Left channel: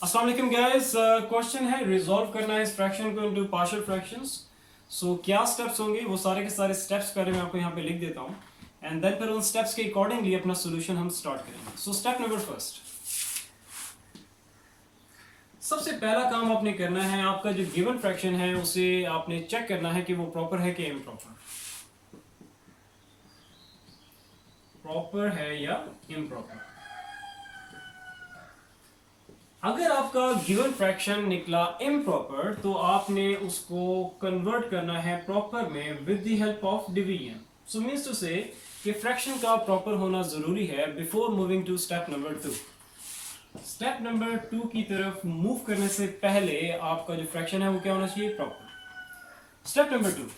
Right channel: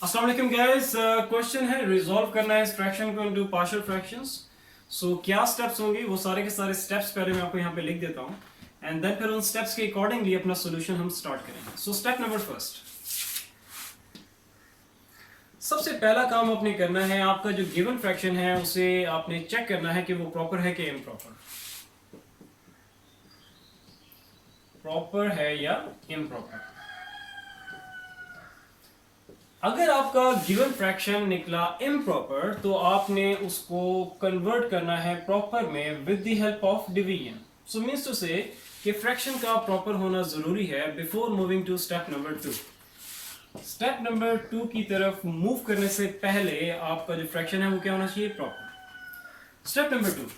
अस्सलाम वालेकुम guys. Question है रिजॉल्व करना है इस फ्रैक्शन को इनटू पार्शियल फ्रैक्शंस। सो क्या स्टेप्स होंगे, वो सारे के सारे स्टेप्स पहले मैं आपको यहाँ पे लिख देता हूँ एंड देन फिर उन स्टेप्स के अकॉर्डिंगली अपना सोल्यूशन हम स्टार्ट करेंगे। सो स्टेप नंबर फर्स्ट, सबसे पहला काम आपने करना है, आपका जो गिवन फ्रैक्शन है उसे आपने चेक करना है कि वो प्रॉपर है कि इम्प्रॉपर, प्रॉपर है या इम्प्रॉपर। अगर आपका गिवन फ्रैक्शन निकला इम्प्रॉपर तो आपने उसको कन्वर्ट करना है प्रॉपर में with the help of division. So means to say कि फ्रैक्शन का प्रॉपर होना जरूरी है before moving to step number 2। Step number 2 की तरफ मूव करने से पहले आपका जो फ्रैक्शन है वो क्या होना चाहिए, प्रॉपर। स्टेप नंबर 2,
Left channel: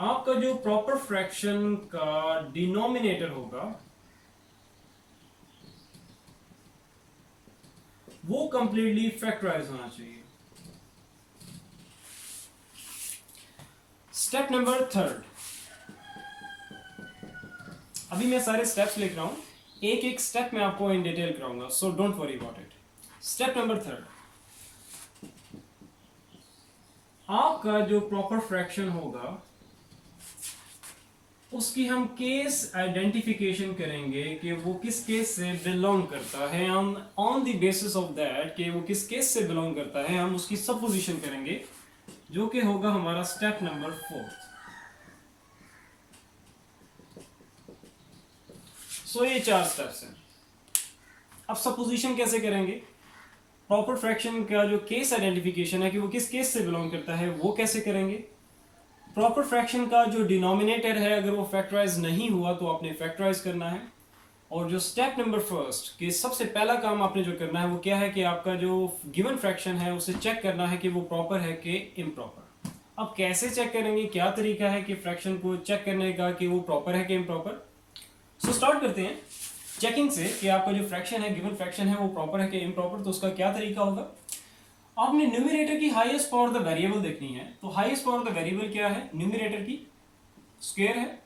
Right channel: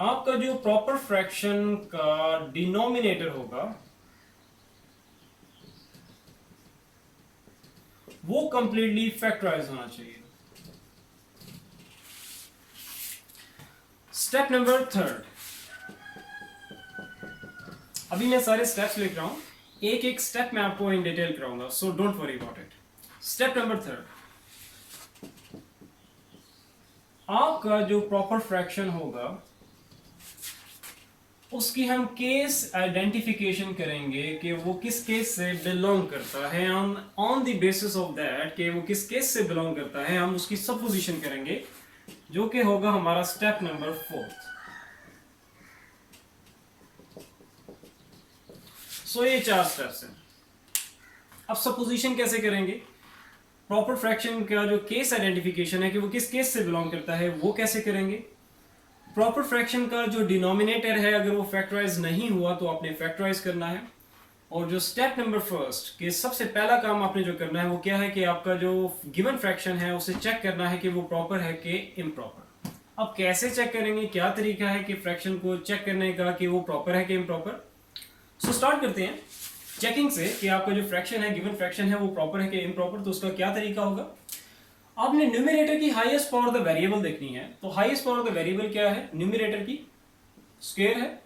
आपका जो प्रॉपर फ्रैक्शन का डिनोमिनेटर होगा वो कंप्लीटली फैक्टराइज होना चाहिए। स्टेप नंबर 3, अभी मैं सारे स्टेप्स लिख रहा हूं, एक एक स्टेप मैं आपको इन डिटेल कराऊंगा, so don't worry about it. Step number 3, आपका जो प्रॉपर फ्रैक्शन होगा उसकी हम केस आइडेंटिफिकेशन करेंगे कि वो किस केस से बिलोंग करता है। हम on the basis of that कि वो किस केस से बिलोंग करता है हम उसकी सपोजिशन करेंगे, जो कि होगा हमारा स्टेप नंबर 4। सो ये 4 स्टेप्स हैं। अब सपोजिशन कैसे करेंगे, प्रॉपर फ्रैक्शन का जो केस आइडेंटिफिकेशन है कि वो किस केस से बिलोंग करता है वो कैसे करेंगे। प्रॉपर फ्रैक्शन का जो डिनोमिनेटर है अगर वो फैक्टराइज नहीं हुआ तो आपने फैक्टराइज करना है। और जो स्टेप नंबर फर्स्ट कि सबसे पहला काम आपने जो करना है वो क्या है कि आपका जो गिवन फ्रैक्शन है उसे चेक करना है कि वो प्रॉपर है कि इम्प्रॉपर। अब कैसे चेक करेंगे, क्या तरीका है कि फ्रैक्शन को चेक करने का कि वो प्रॉपर है कि इम्प्रॉपर। सो स्टार्ट करते हैं चेकिंग से कि आपका जो फ्रैक्शन है, गिवन फ्रैक्शन है, वो प्रॉपर है कि इम्प्रॉपर। तो उसका क्या तरीका होगा, आपने न्यूमरेटर की हाईएस्ट पावर द वेरिएबल देखनी है। तो हाईएस्ट पावर द वेरिएबल क्या है, न्यूमरेटर की स्क्वायर है।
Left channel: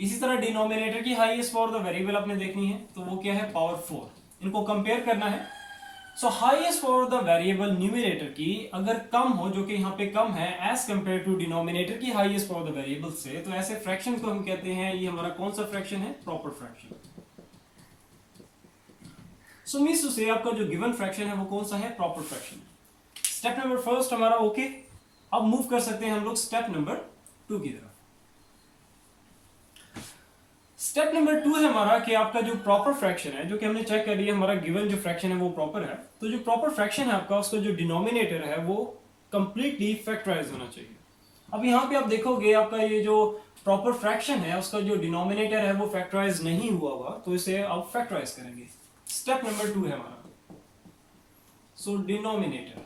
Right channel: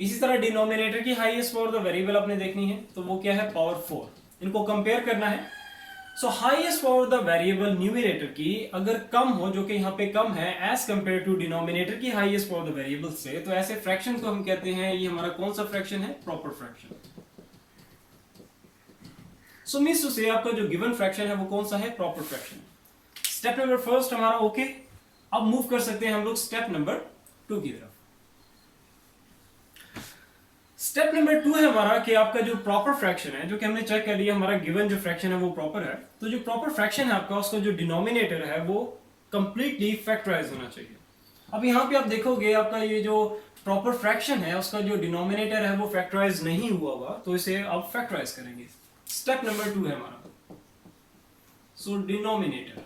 इसी तरह डिनोमिनेटर की हाईएस्ट पावर द वेरिएबल आपने देखनी है, तो वो क्या है, पावर 4। इनको कंपेयर करना है। सो highest power the variable numerator की अगर कम हो, जो कि यहाँ पे कम है एज कंपेयर टू डिनोमिनेटर की हाईएस्ट पावर द वेरिएबल से, तो ऐसे फ्रैक्शन को हम कहते हैं, ये हमारा कौन सा फ्रैक्शन है, proper fraction. So means to say आपका जो गिवन फ्रैक्शन है वो कौन सा है, proper fraction. Step number first हमारा ओके। अब मूव कर सकते हैं हम लोग स्टेप नंबर 2 की तरफ। स्टेप नंबर 2 है हमारा कि आपका जो प्रॉपर फ्रैक्शन है, जो कि हमने चेक कर लिया हमारा गिवन जो फ्रैक्शन है वो प्रॉपर है, तो जो प्रॉपर फ्रैक्शन है आपका उसका जो डिनोमिनेटर है वो कंप्लीटली फैक्टराइज होना चाहिए। अब यहाँ पे आप देखोगे आपका ये जो प्रॉपर फ्रैक्शन है उसका जो डिनोमिनेटर है वो फैक्टराइज नहीं हुआ हुआ, तो इसे अब फैक्टराइज करेंगे। स्टेप नंबर 2 है हमारा। सो डिनोमिनेटर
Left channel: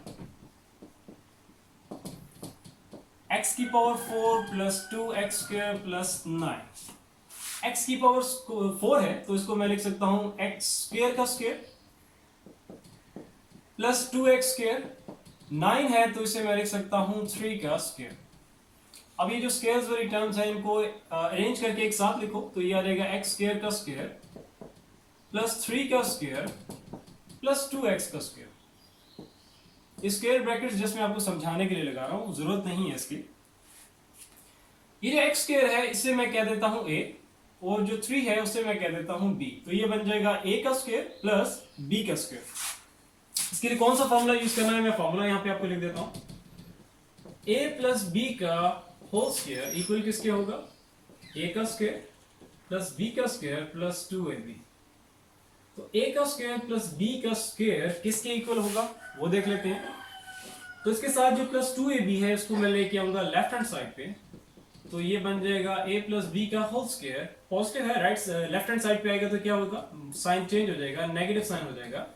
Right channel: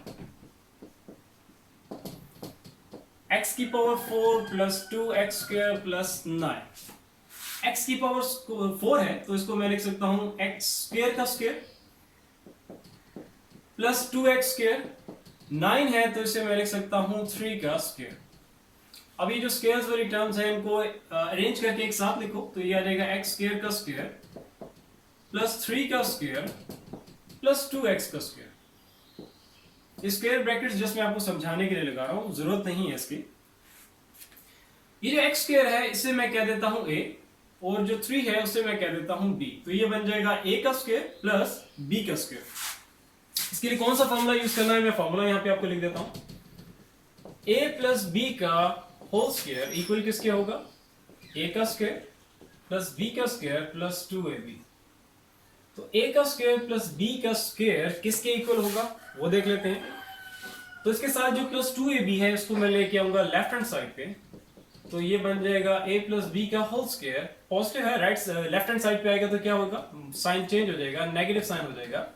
x की power 4 plus 2x square plus 9। x की पावर 4 है तो इसको मैं लिख सकता हूं x स्क्वायर का स्क्वायर प्लस 2x स्क्वायर। 9 है तो इसे मैं लिख सकता हूं 3 का स्क्वायर। अब ये जो स्क्वायर्स वाली टर्म्स हैं इनको अरेंज करके एक साथ लिखो, तो ये आ जाएगा x स्क्वायर का स्क्वायर प्लस 3 का स्क्वायर प्लस 2x का स्क्वायर। स्क्वायर ब्रैकेट्स जस्ट मैं आपको समझाने के लिए लगा रहा हूं, जरूरत नहीं है इसकी। ये जो x स्क्वायर है इसे मैं कह देता हूं a, और जो 3 है उसे मैं कह देता हूं b। तो ये बन जाएगा a का स्क्वायर प्लस b का स्क्वायर। इसके लिए कौन सा फॉर्मूला यूज करना है, मैं फॉर्मूला यहां पे आपको लिख देता हूं। a प्लस b का होल स्क्वायर इक्वल किसके होगा, a का स्क्वायर प्लस b का स्क्वायर प्लस 2ab। तो a का स्क्वायर प्लस b का स्क्वायर किसके इक्वल होगा वो देख लेते हैं। तो इसके साथ जो प्लस 2ab है उसको मैं लेके आऊंगा लेफ्ट हैंड साइड पे, तो ये बन जाएगा a प्लस बी का होल स्क्वायर। पॉजिटिव है, राइट लेफ्ट हैंड साइड पे आएगा तो क्या होगा, साइन चेंज हो जाएगा, नेगेटिव साइन हो जाएगा।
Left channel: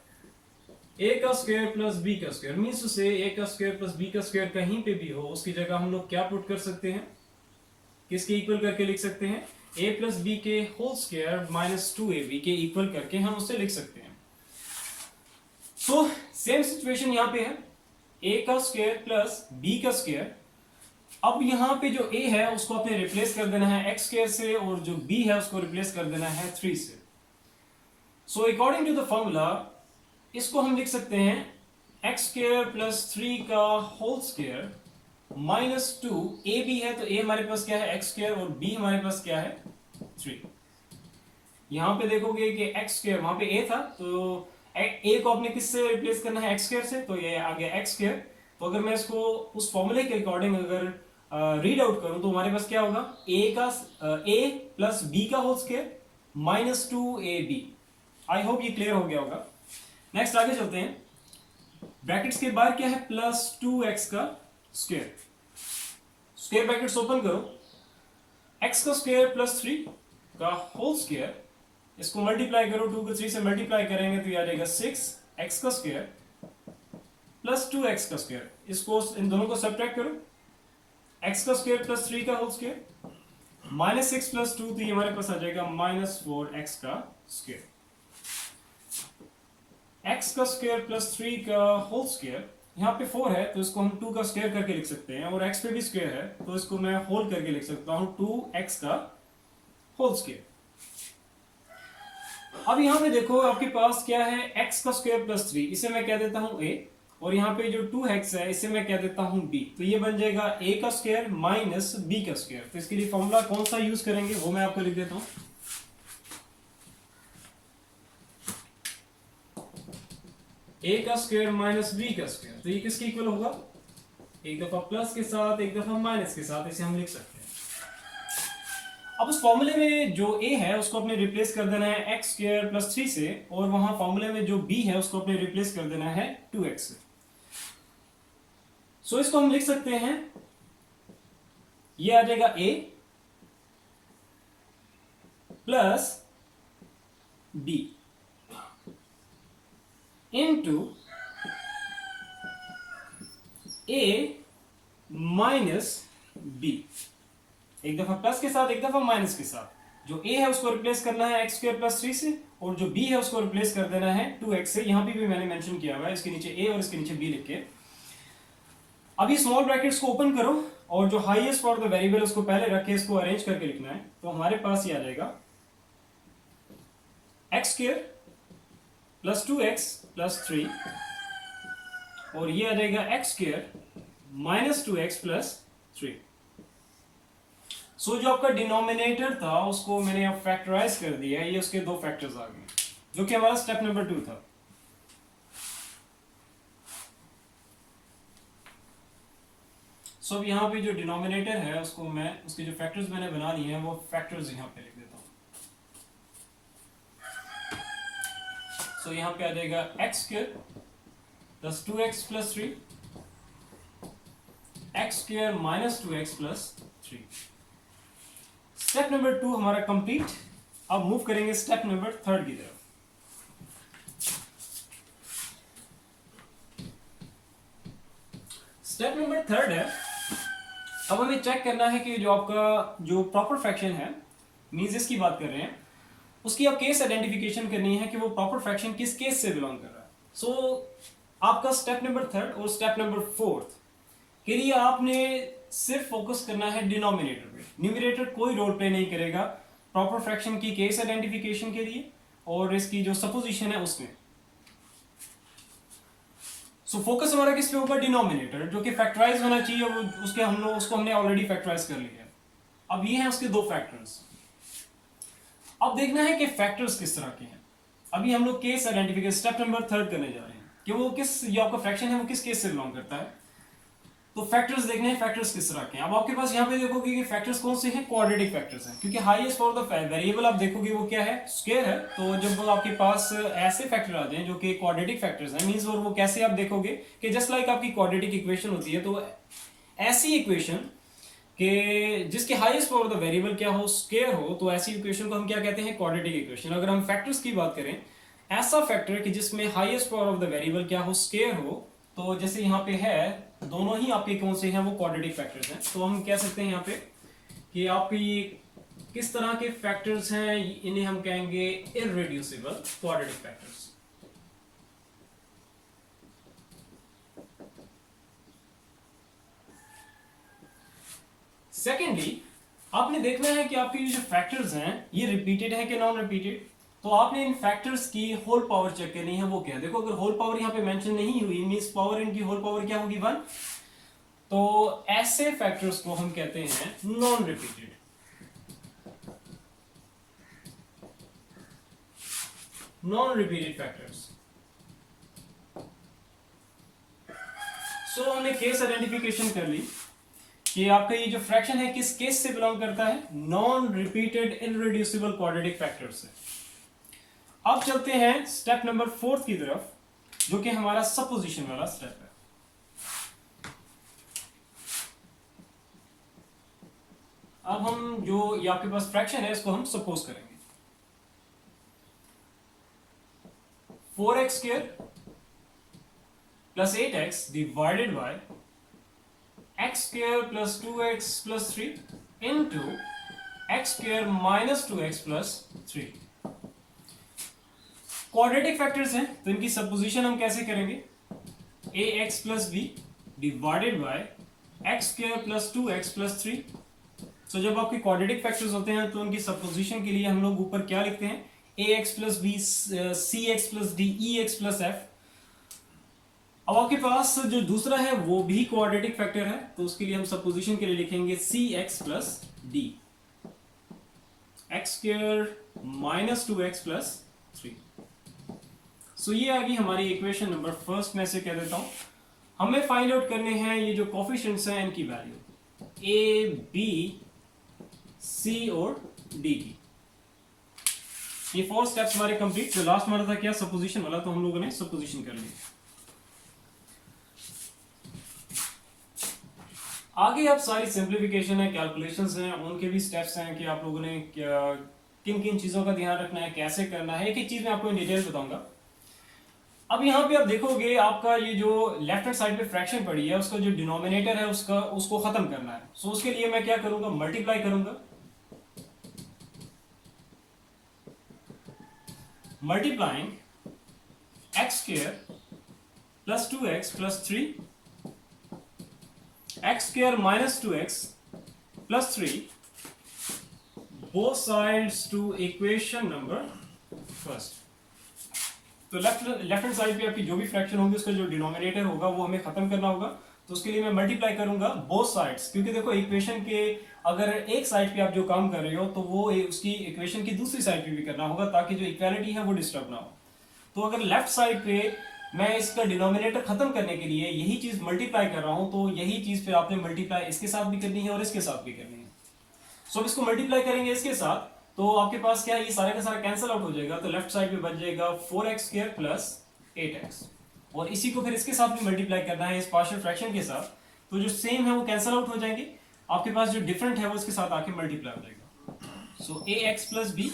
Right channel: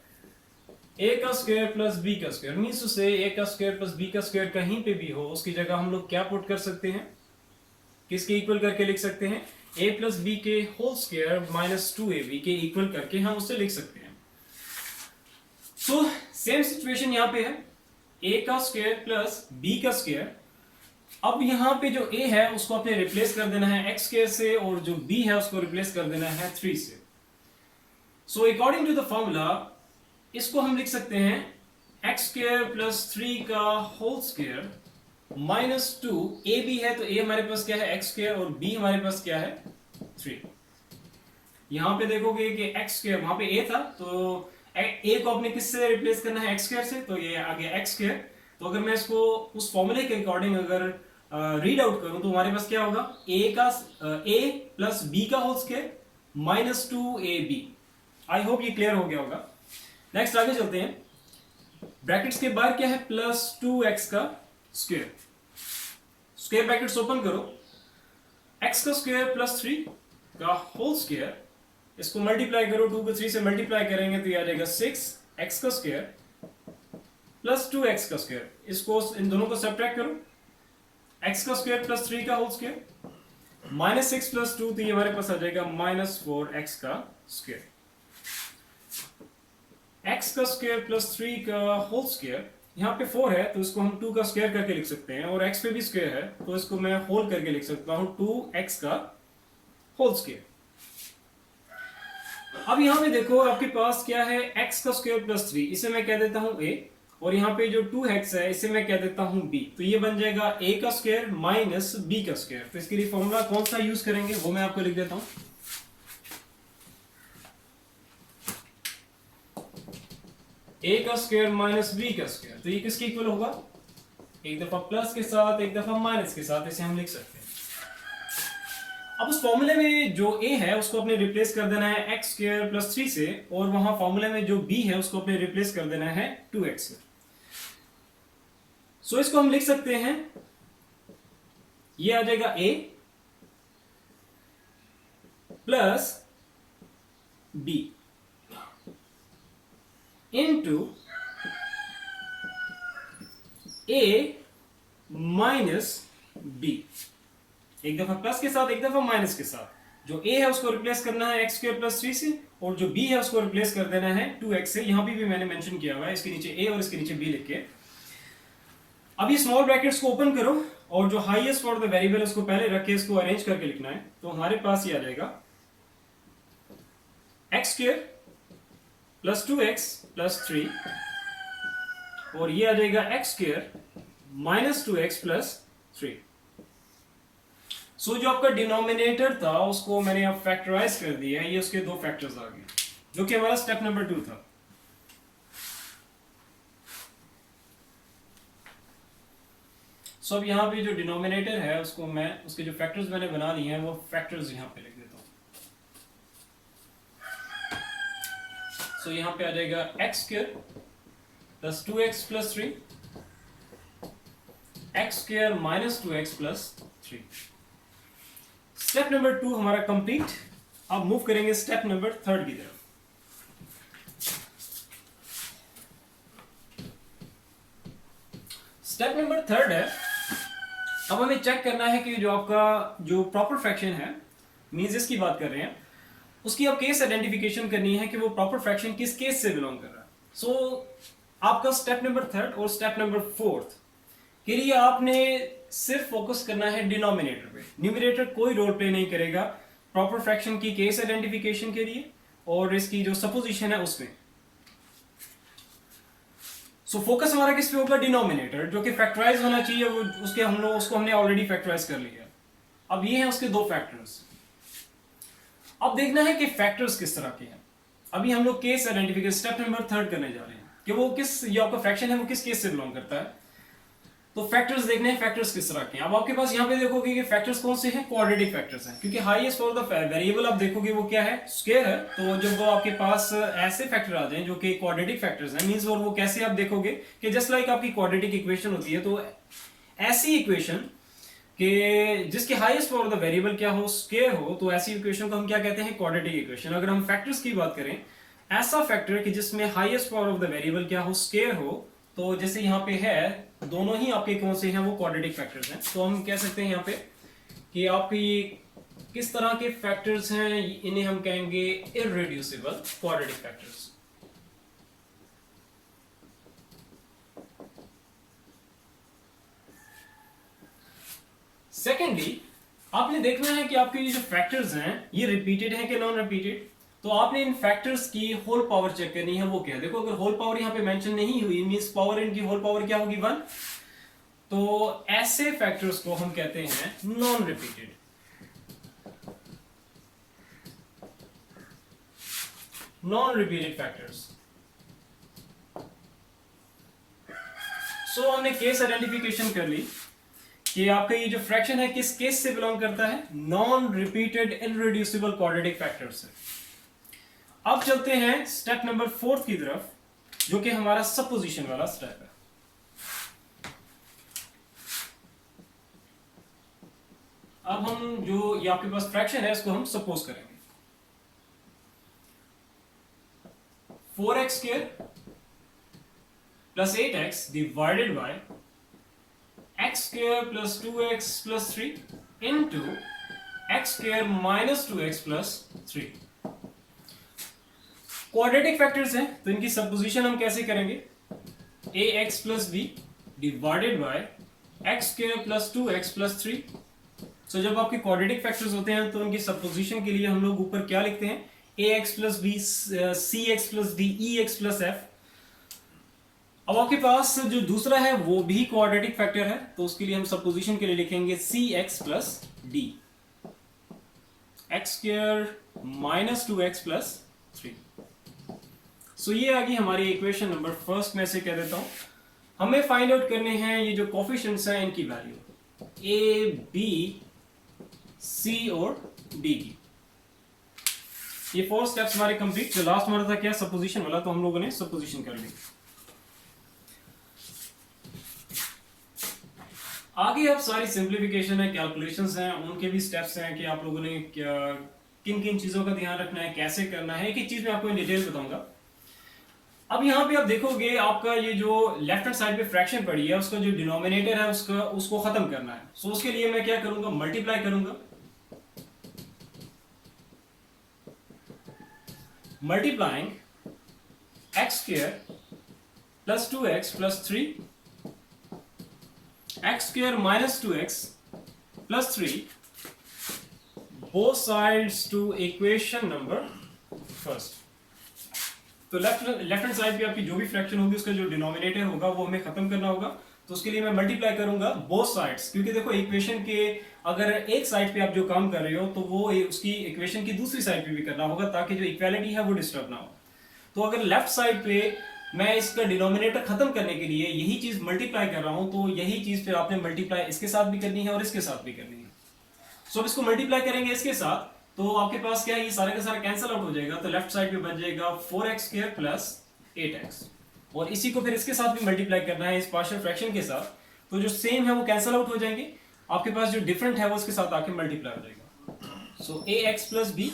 a का स्क्वायर प्लस b का स्क्वायर मींस टू से a का स्क्वायर प्लस b का स्क्वायर कहीं पे भी हो उसकी जगह हम लोग क्या पुट कर सकते हैं, किसके इक्वल करके लिख सकते हैं, a प्लस बी के होल स्क्वायर माइनस 2ab के इक्वल करके हम उससे लिख सकते हैं। सो सेम सिचुएशन यहाँ पे है, a का स्क्वायर प्लस b का स्क्वायर। अब यहाँ पे जो a है उसको आपने रिप्लेस कर देना है x स्क्वायर से, और जो b है उसको रिप्लेस कर देना है 3 से। So according to the formula इसको हम लिख सकते हैं एक्स स्क्वायर प्लस 3 का whole square minus 2, a b है तो ए हमारे पास क्या है एक्स स्क्वायर और बी हमारे पास क्या है 3। यहां पे देखोगे कि एक्स स्क्वायर वहां पे ए था तो ए को आपने किससे रिप्लेस करना है एक्स स्क्वायर से, तो ये आ गया एक्स स्क्वायर। तो अगर मैं इसको उस फॉर्मूले के अकॉर्डिंग अगर रीड आउट करूं तो हमारे पास क्या होगा ए प्लस बी का whole square minus 2ab। I hope ये क्लियर हो गया होगा। नेक्स्ट आगे चलते हैं। ब्रैकेट्स के बाहर क्या है प्लस 2x का स्क्वायर, स्क्वायर ब्रैकेट्स ओपन करो, x का स्क्वायर प्लस 3 का होल स्क्वायर, इसको मल्टीप्लाई करो 2 को 3 से मल्टीप्लाई करेंगे तो ये आ जाएगा 6x का स्क्वायर प्लस 2x का स्क्वायर। इसको इन दोनों को सब्ट्रैक्ट करो, x का स्क्वायर प्लस 3 का होल स्क्वायर माइनस 6 प्लस 2 तो ये हमारे पास आ जाएगा माइनस 4x का स्क्वायर। x का स्क्वायर प्लस 3 का होल स्क्वायर, यहाँ पे 4 है तो इसको हम 2 का स्क्वायर करके लिख सकते हैं, और x पे भी स्क्वायर है तो इसको मैं होल करके लिख सकता हूं 2x का होल स्क्वायर। अब यहाँ पे देखो आपके पास क्या है x का स्क्वायर प्लस 3, इसे मैं कह देता हूं a, और यहाँ पे जो 2x है इसे मैं कह देता हूं b, तो ये बन जाएगा a का स्क्वायर माइनस b का स्क्वायर। तो इसके लिए फॉर्मूला कौन सा यूज करेंगे वो मैं आपको लिख देता हूं। a का स्क्वायर माइनस b का स्क्वायर, तो ये किसके इक्वल होगा, एक दफा प्लस के साथ एक दफा माइनस के साथ, इसे हम लिख सकते हैं। अब उस फॉर्मूले में जो a है उसको अपने रिप्लेस कर देना है x स्क्वायर प्लस 3 से, और वहां फॉर्मूले में जो b है उसको अपने रिप्लेस कर देना है 2x से। सो इसको हम लिख सकते हैं, ये आ जाएगा a plus b into a minus b, एक दफा प्लस के साथ एक दफा माइनस के साथ। जो a है उसको रिप्लेस करना है x स्क्वायर प्लस 3 से, और जो b है उसको रिप्लेस कर देना है 2x से। यहां भी मैंने मेंशन किया हुआ है, इसके नीचे a और इसके नीचे b लिख के। अभी स्मॉल ब्रैकेट्स को ओपन करो और जो हाईएस्ट फॉर द वेरिएबल उसको पहले रख के इसको अरेंज करके लिखना है, तो हमारे पास ये आ जाएगा x square plus 2x plus 3, और ये आ जाएगा x square minus 2x plus 3। सो जो आपका डिनोमिनेटर था उसको मैंने अब फैक्टराइज कर दिया, ये उसके दो फैक्टर्स आ गए, जो कि हमारा स्टेप नंबर 2 था। सो अब यहाँ पे जो डिनोमिनेटर है उसको मैं, उसके जो फैक्टर्स मैंने बना लिए हैं वो फैक्टर्स यहाँ पे लिख देता हूँ। सो यहाँ पे आ जाएगा x square plus 2x plus 3, x square minus 2x plus 3। Step number 2 हमारा कंप्लीट। अब मूव करेंगे स्टेप नंबर 3 की तरफ। स्टेप नंबर 3 है, अब हमें चेक करना है कि जो आपका जो प्रॉपर फ्रैक्शन है, मींस इसकी बात कर रहे हैं, उसकी आप केस आइडेंटिफिकेशन करनी है कि वो प्रॉपर फ्रैक्शन किस केस से बिलोंग कर रहा है। सो आपका स्टेप नंबर 3 और स्टेप नंबर 4 के लिए आपने सिर्फ फोकस करना है डिनोमिनेटर पे, न्यूमरेटर कोई रोल प्ले नहीं करेगा प्रॉपर फ्रैक्शन की केस आइडेंटिफिकेशन के लिए और इसकी जो सपोजिशन है उसमें। सो फोकस हमारा किस पे होगा, डिनोमिनेटर, जो कि फैक्टराइज होना चाहिए, वो उसके हम लोग उसको हमने ऑलरेडी फैक्टराइज कर लिया। अब ये हैं उसके दो फैक्टर्स। अब देखना है कि फैक्टर्स किस तरह के हैं। अभी हम लोग केस आइडेंटिफिकेशन स्टेप नंबर 3 करने जा रहे हैं कि वो किस, ये आपका फ्रैक्शन है वो किस केस से बिलोंग करता है। तो फैक्टर्स देखने हैं फैक्टर्स किस तरह के हैं। अब आपके पास यहाँ पे देखोगे कि फैक्टर्स कौन से हैं, क्वाड्रेटिक फैक्टर्स हैं, क्योंकि हाईएस्ट फॉर द वेरिएबल आप देखोगे वो क्या है, स्क्वायर है। तो जब आपके पास ऐसे फैक्टर आ जाए जो कि क्वाड्रेटिक फैक्टर्स हैं, मींस और वो कैसे आप देखोगे कि जस्ट लाइक आपकी क्वाड्रेटिक इक्वेशन होती है, तो ऐसी इक्वेशन कि जिसके हाईएस्ट फॉर द वेरिएबल क्या हो, स्क्वायर हो, तो ऐसी इक्वेशन को हम क्या कहते हैं, क्वाड्रेटिक इक्वेशन। अगर हम फैक्टर्स की बात करें, ऐसा फैक्टर कि जिसमें highest power of the variable क्या हो, स्क्वायर हो, तो जैसे यहाँ पे है दोनों ही आपके कौन से हैं, वो क्वाड्रेटिक फैक्टर्स हैं। तो हम कह सकते हैं यहाँ पे कि आपके ये किस तरह के फैक्टर्स हैं, इन्हें हम कहेंगे इररेड्यूसिबल क्वाड्रेटिक फैक्टर्स। सेकेंडली आपने देखना है कि आपके ये जो फैक्टर्स हैं ये रिपीटेड है कि नॉन रिपीटेड। तो आपने इन फैक्टर्स की होल पावर चेक करनी है, वो क्या है? देखो अगर होल पावर यहाँ पे मेंशन नहीं हुई मींस पावर इनकी होल पावर क्या होगी 1, तो ऐसे फैक्टर्स को हम कहते हैं non repeated. Non repeated factors. So हमने केस आइडेंटिफिकेशन कर ली कि आपका ये जो फ्रैक्शन है किस केस से बिलोंग करता है, non repeated irreducible quadratic factor से। अब चलते हैं स्टेप नंबर 4 की तरफ, जो कि हमारा सपोजिशन वाला स्टेप है। अब हम जो ये आपके पास फ्रैक्शन है इसको हम सपोज करेंगे। 4x square plus 8x divided by x square plus 2x plus 3 into x square minus 2x plus 3। Quadratic factors हैं तो इनकी सपोजिशन हम कैसे करेंगे, ax plus b divided by x square plus 2x plus 3। सो जब आपके quadratic factors होते हैं तो उनकी सपोजिशन के लिए हम लोग ऊपर क्या लिखते हैं, ax plus b cx plus d ex plus f। अब आपके पास जो दूसरा है वो भी क्वाड्रेटिक फैक्टर है तो उसके लिए हम सपोजिशन के लिए लिखेंगे cx plus d x square minus 2x plus 3। सो ये आ गई हमारी इक्वेशन नंबर फर्स्ट। में से कह देता हूं हमें फाइंड आउट करने हैं ये जो कोफिशिएंट्स हैं इनकी वैल्यू a b c और d की। ये 4 स्टेप्स हमारे कंप्लीट। जो लास्ट हमारा था क्या, सपोजिशन वाला, तो हम लोगों ने सपोजिशन कर ली। आगे आप सारी सिंप्लीफिकेशन है, कैलकुलेशंस हैं, उनके भी स्टेप्स हैं कि आप लोगों ने किन किन चीजों का ध्यान रखना है, कैसे करना है, एक एक चीज मैं आपको इन डिटेल्स बताऊंगा। अब यहाँ पे आप देखोगे आपका ये जो लेफ्ट हैंड साइड पे फ्रैक्शन पड़ी है उसका जो डिनोमिनेटर है उसको खत्म करना है। सो उसके लिए मैं क्या करूंगा, मल्टीप्लाई करूंगा। Multiplying x square plus 2x plus 3 x square minus 2x plus 3 both sides to equation number first. तो लेफ्ट हैंड साइड पे आपकी जो भी फ्रैक्शन होगी उसका जो डिनोमिनेटर होगा वो हमें खत्म करना होगा। तो उसके लिए मैं मल्टीप्लाई करूंगा बोथ साइड्स, क्योंकि देखो इक्वेशन के अगर एक साइड पे आप जो काम कर रहे हो तो वो उसकी इक्वेशन की दूसरी साइड पे भी करना होगा ताकि जो इक्वालिटी है वो डिस्टर्ब ना हो। तो अगर लेफ्ट साइड पे मैं इसका डिनोमिनेटर खत्म करने के लिए यही चीज मल्टीप्लाई कर रहा हूं तो यही चीज फिर आपने मल्टीप्लाई इसके साथ भी करनी है और इसके साथ भी करनी है। सो अब इसको मल्टीप्लाई करेंगे इसके साथ तो आपके पास क्या है, ये सारा का सारा कैंसिल आउट हो जाएगा। तो लेफ्ट साइड पे बच जाएगा 4x स्क्वायर प्लस 8x और इसी को फिर इसके साथ भी मल्टीप्लाई करना है इस पार्शियल फ्रैक्शन के साथ। तो जो सेम है वो कैंसिल आउट हो जाएंगे, आपके पास जो डिफरेंट है वो इसके साथ आके मल्टीप्लाई हो जाएगा। सो ax plus b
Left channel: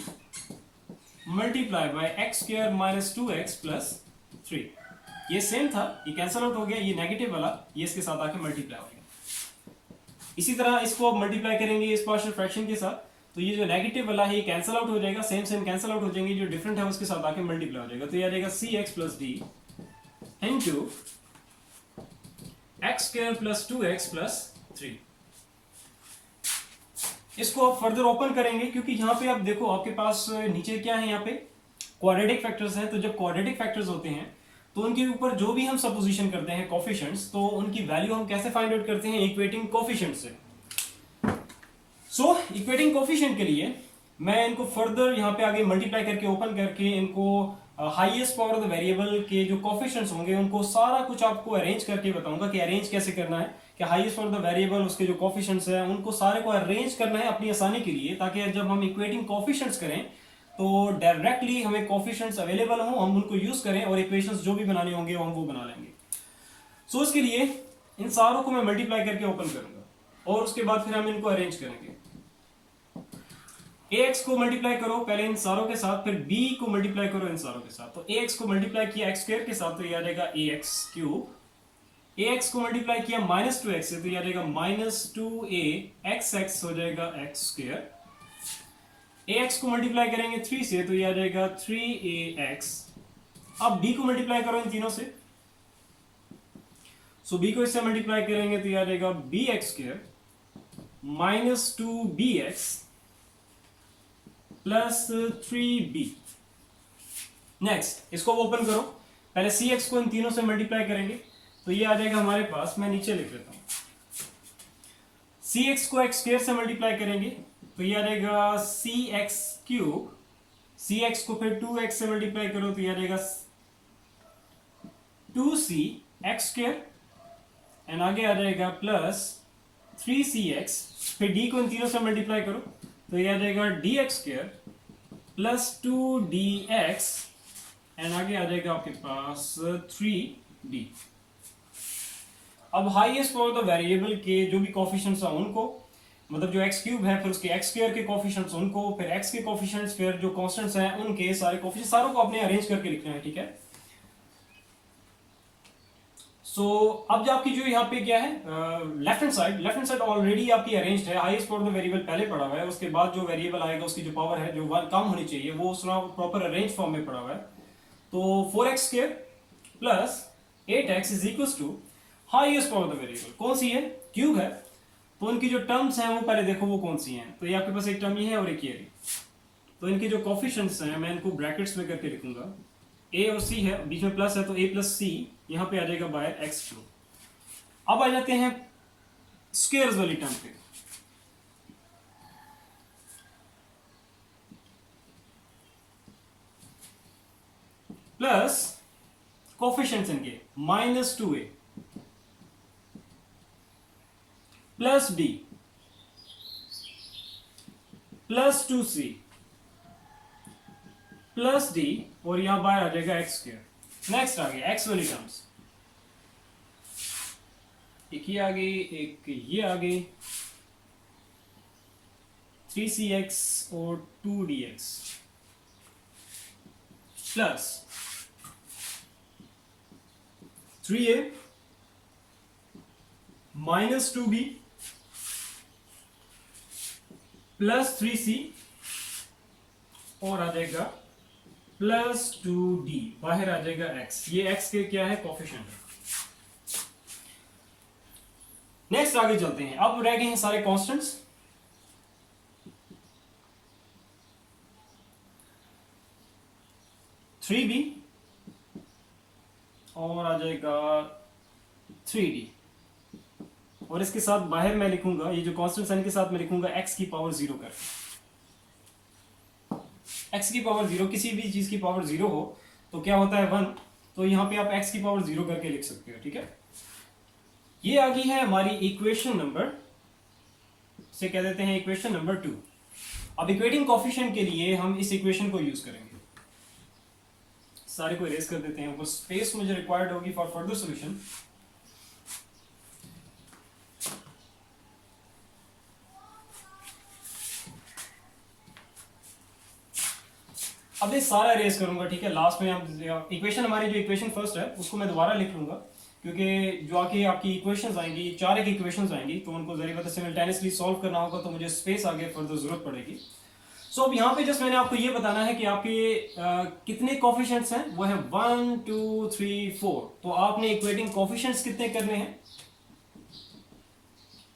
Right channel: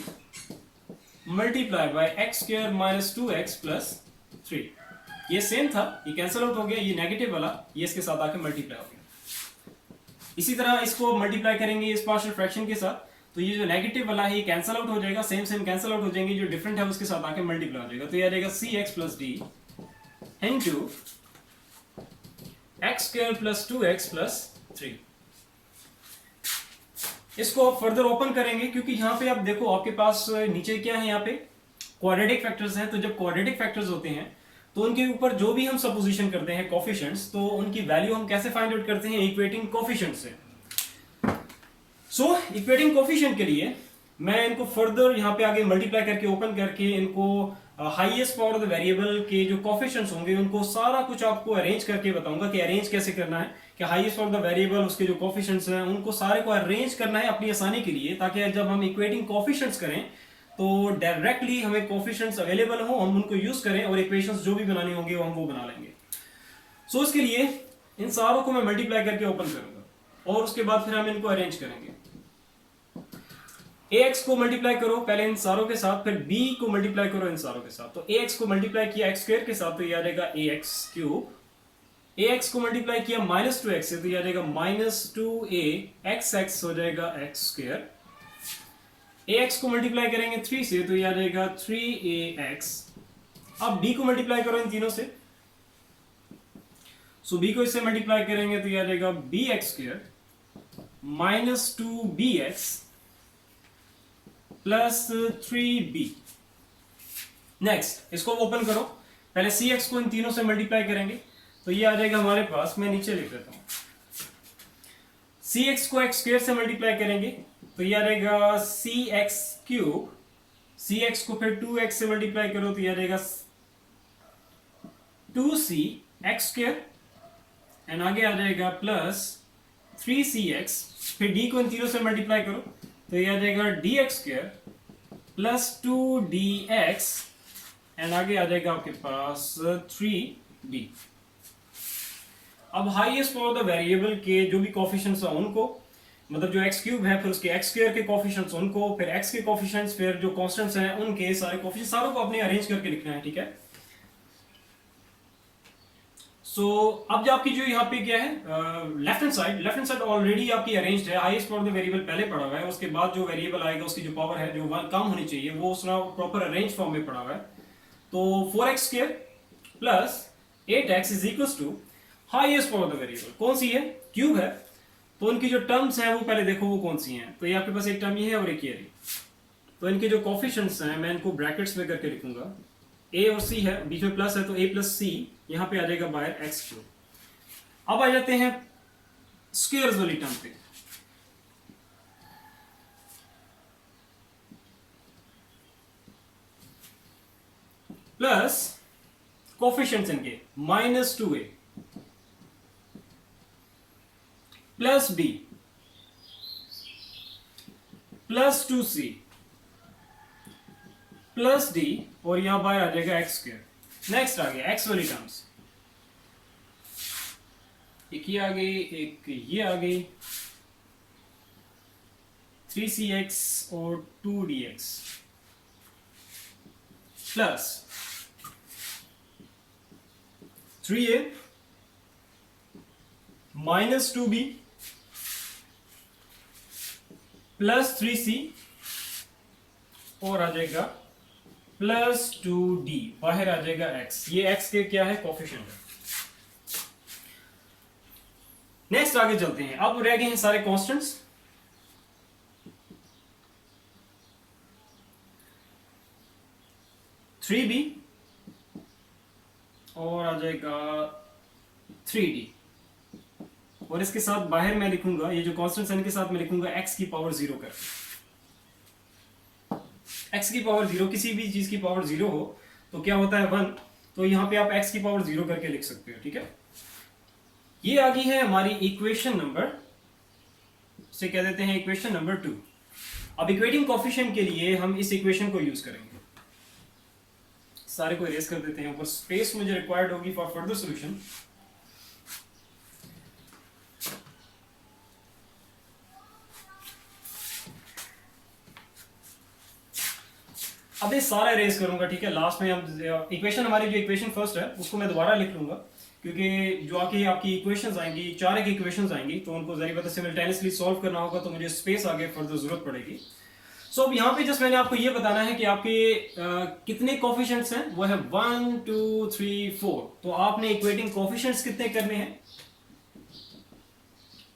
multiply by x square minus 2x plus 3। ये सेम था, ये कैंसिल आउट हो गया, ये नेगेटिव वाला ये इसके साथ आके मल्टीप्लाई हो गया। इसी तरह इसको मल्टीप्लाई करेंगे इस पार्शियल फ्रैक्शन के साथ तो ये जो नेगेटिव वाला है ये कैंसिल आउट हो जाएगा, सेम सेम कैंसिल आउट हो जाएंगे, जो डिफरेंट है उसके साथ आके मल्टीप्लाई हो जाएगा। तो ये आ जाएगा cx plus d into x square plus 2x plus 3। इसको आप फर्दर ओपन करेंगे क्योंकि यहाँ पे आप देखो आपके पास नीचे क्या है, यहाँ पे क्वाड्रेटिक फैक्टर्स हैं। तो जब क्वाड्रेटिक फैक्टर्स होते हैं तो उनके ऊपर जो भी हम सपोजिशन करते हैं कोफिशिएंट्स, तो उनकी वैल्यू हम कैसे फाइंड आउट करते हैं, इक्वेटिंग कोफिशिएंट से। सो इक्वेटिंग कोफिशिएंट के लिए मैं इनको फर्दर यहाँ पे आगे मल्टीप्लाई करके ओपन करके इनको highest power of the variable के जो कोफिशिएंट्स होंगे उनको सारा कुछ आपको अरेंज करके बताऊंगा कि अरेंज कैसे करना है, कि highest power of the variable उसके जो कोफिशिएंट्स हैं उनको सारे को अरेंज करना है अपनी आसानी के लिए, ताकि जब हम इक्वेटिंग कोफिशिएंट्स करें तो डायरेक्टली हमें कोफिशिएंट्स अवेलेबल हो, हम उनको यूज करें और इक्वेशंस जो भी बनाने होंगे हम वो बना लेंगे। सो इसके लिए इन सारों को मैं मल्टीप्लाई करके ओपन करूंगा और उसके बाद फिर हम इनको अरेंज करेंगे। ax को मल्टीप्लाई करो पहले इन सारों के साथ, फिर b को मल्टीप्लाई करो इन सारों के साथ। तो ax को मल्टीप्लाई किया x स्क्वायर के साथ तो ये आ जाएगा ax क्यूब। ax को मल्टीप्लाई किया माइनस 2x से तो ये आ जाएगा माइनस 2a x हो जाएगा x स्क्वायर। ax को मल्टीप्लाई करेंगे 3 से तो ये आ जाएगा 3ax। अब b को मल्टीप्लाई करो इन तीनों से, सो b को इससे मल्टीप्लाई करेंगे तो ये आ जाएगा bx square minus 2bx plus 3b। Next इसको ओपन करो, पहले सी एक्स को इन तीनों से मल्टीप्लाई करेंगे तो ये आ जाएगा हमारे पास, मैं नीचे लिख देता हूं, सी एक्स को एक्स स्क्वायर से मल्टीप्लाई करेंगे तो ये आ जाएगा सी एक्स क्यूब, सी एक्स को फिर 2x से मल्टीप्लाई करो तो ये आ जाएगा 2c एक्स स्क्वायर, एंड आगे आ जाएगा प्लस 3cx, फिर d को इन तीनों से मल्टीप्लाई करो तो ये आ जाएगा dx square plus 2dx, and आगे आ जाएगा आपके पास 3d। अब हाईएस्ट पावर द वेरिएबल के जो भी कोफिशिएंट्स हैं उनको, मतलब जो एक्स क्यूब है फिर उसके एक्स स्क्वायर के कोफिशिएंट्स उनको, फिर एक्स के कोफिशिएंट्स, फिर जो कांस्टेंट्स हैं उनके सारे कोफिशिएंट्स, सारों को आपने अरेंज करके लिखना है, ठीक है। सो अब जो आपकी जो यहाँ पे क्या है लेफ्ट हैंड साइड ऑलरेडी आपकी अरेंज्ड है, हाईएस्ट पावर में वेरिएबल पहले पड़ा हुआ है, उसके बाद जो वेरिएबल आएगा उसकी जो पावर है जो वन कम होनी चाहिए वो उसका प्रॉपर अरेंज फॉर्म में पड़ा हुआ है। तो 4x square plus 8x is equal to highest power the variable कौन सी है, क्यूब है, तो उनकी जो टर्म्स हैं वो पहले देखो वो कौन सी हैं। तो ये आपके पास एक टर्म ये है और एक ये रही, तो इनके जो कोफिशिएंट्स हैं मैं इनको ब्रैकेट्स में करके लिखूंगा, a और c है, बीच में प्लस है तो a प्लस सी यहां पे आ जाएगा बाय एक्स क्यूब। अब आ जाते हैं स्क्वायर्स वाली टर्म पे, प्लस कोफिशिएंट्स इनके -2a plus b plus 2c plus d, और यहां बाय आ जाएगा एक्स स्क्वायर। नेक्स्ट आ गया एक्स वाली टर्म्स, एक ये आ गई, एक ये आ गई, 3cx और 2dx plus 3a minus 2b plus 3c, और आ जाएगा प्लस 2d, बाहर आ जाएगा x, ये x के क्या है कोफिशिएंट है। नेक्स्ट आगे चलते हैं, अब रह गए हैं सारे कांस्टेंट्स, थ्री बी और आ जाएगा 3d, और इसके साथ बाहर मैं लिखूंगा ये जो कांस्टेंट्स हैं इनके साथ मैं लिखूंगा x की पावर 0 कर, x की पावर 0, किसी भी चीज की पावर 0 हो तो क्या होता है 1, तो यहां पे आप x की पावर 0 करके लिख सकते हो, ठीक है। ये आ गई है हमारी इक्वेशन नंबर, से कह देते हैं इक्वेशन नंबर 2। अब इक्वेटिंग कोफिशिएंट के लिए हम इस इक्वेशन को यूज करेंगे, सारे को इरेज कर देते हैं, ऊपर स्पेस मुझे रिक्वायर्ड होगी फॉर फर्दर सॉल्यूशन। अब ये सारा इरेज करूंगा, ठीक है। लास्ट में हम इक्वेशन, हमारी जो इक्वेशन फर्स्ट है उसको मैं दोबारा लिख लूंगा, क्योंकि जो आपकी इक्वेशंस आएंगी, 4 एक इक्वेशंस आएंगी, तो उनको जरिए पता सिमिल्टेनियसली सॉल्व करना होगा, तो मुझे स्पेस आगे फर्दर जरूरत पड़ेगी। सो अब यहाँ पे जस्ट मैंने आपको ये बताना है कि आपके कितने कोफिशिएंट्स हैं, वो है 1 2 3 4, तो आपने इक्वेटिंग कोफिशिएंट्स कितने करने हैं,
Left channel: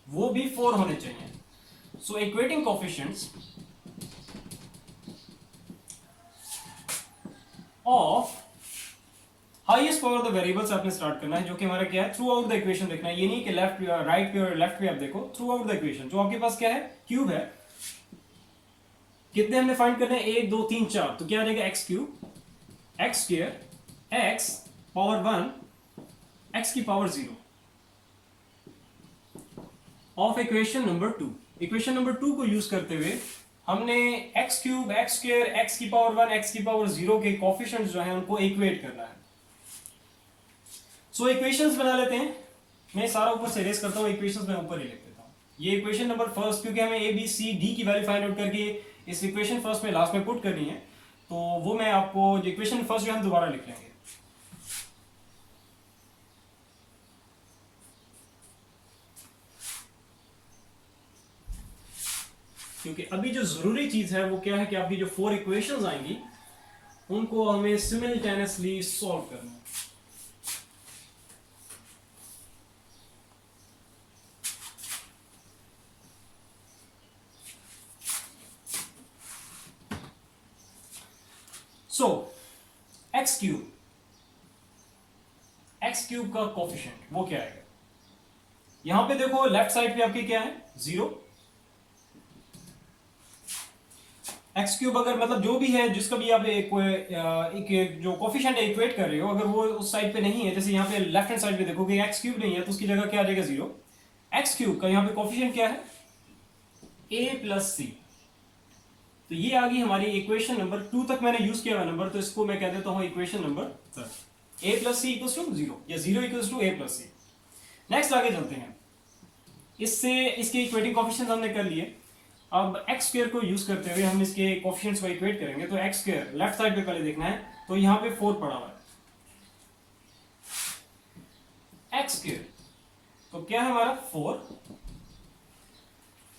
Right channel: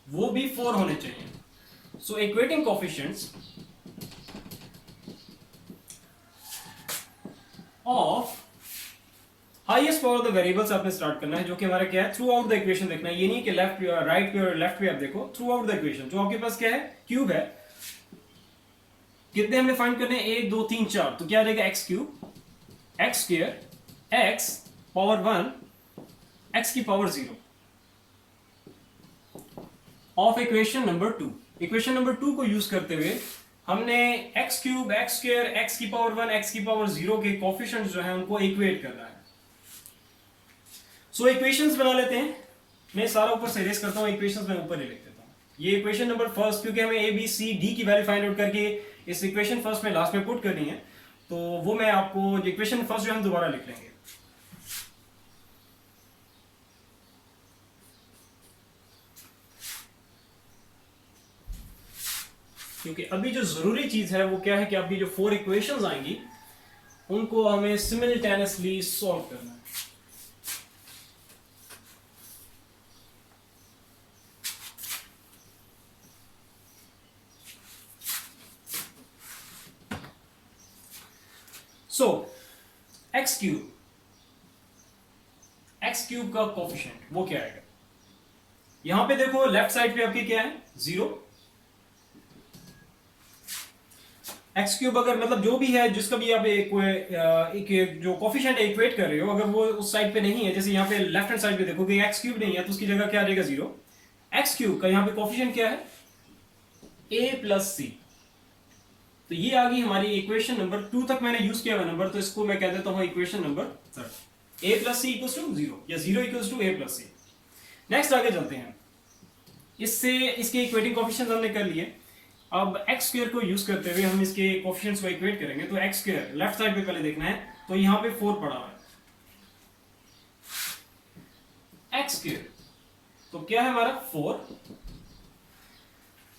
वो भी 4 होने चाहिए। So equating coefficients of highest power the variables आपने स्टार्ट करना है, जो कि हमारा क्या है, थ्रू आउट द इक्वेशन देखना है। ये नहीं कि लेफ्ट राइट पे और लेफ्ट पे आप देखो, थ्रू आउट द इक्वेशन जो आपके पास क्या है, क्यूब है, कितने हमने फाइंड करने हैं, 1 2 3 4, तो क्या आ जाएगा X cube, X square, X power 1, X की power 0 of equation number 2। Equation number 2 को यूज करते हुए हमने X cube, X square, X की पावर 1, एक्स की पावर 0 के कोफिशिएंट्स जो है उनको इक्वेट करना है। सो इक्वेशंस बना लेते हैं, मैं सारा ऊपर से इरेज करता हूं, इक्वेशंस मैं ऊपर ही लिख देता हूं। ये इक्वेशन नंबर फर्स्ट, क्योंकि हमें ए बी सी डी की वैल्यू फाइंड आउट करके इस इक्वेशन फर्स्ट में लास्ट में पुट करनी है, तो वो मैं आपको इक्वेशन फर्स्ट जो हम दोबारा लिख लेंगे। क्योंकि अभी जो जरूरी चीज है वो क्या है कि आपकी जो 4 इक्वेशंस आएंगी उनको हमें सिमिल्टेनियसली सॉल्व करना है। एक्स क्यूब का कोफिशिएंट वो क्या आएगा। यहां पे देखो लेफ्ट साइड पे आपके क्या है 0, एक्स क्यूब अगर मतलब जो भी है जिसका भी आप एक जो कोफिशिएंट इक्वेट कर रहे हो अगर वो उस साइड पे नहीं है, जैसे यहाँ पे लेफ्ट हैंड साइड पे देखोगे एक्स क्यूब नहीं है तो उसकी जगह क्या आ जाएगा 0। एक्स क्यूब का यहाँ पे कोफिशिएंट क्या है a प्लस सी। तो ये आ गई हमारी इक्वेशन नंबर 2 तक मैंने यूज किया हुआ नंबर, तो इसको मैं कह देता हूं equation number 3, a plus c equals to 0 या 0 equals to a plus c. Next आगे चलते हैं, इससे इसके इक्वेटिंग कोफिशिएंट्स हमने कर लिए। अब एक्स स्क्वायर को यूज करते हुए हम इसके कोफिशिएंट्स को इक्वेट करेंगे। तो एक्स स्क्वायर लेफ्ट साइड पे पहले देखना है, तो यहां पे 4 पड़ा हुआ है एक्स स्क्वायर, तो क्या है हमारा 4,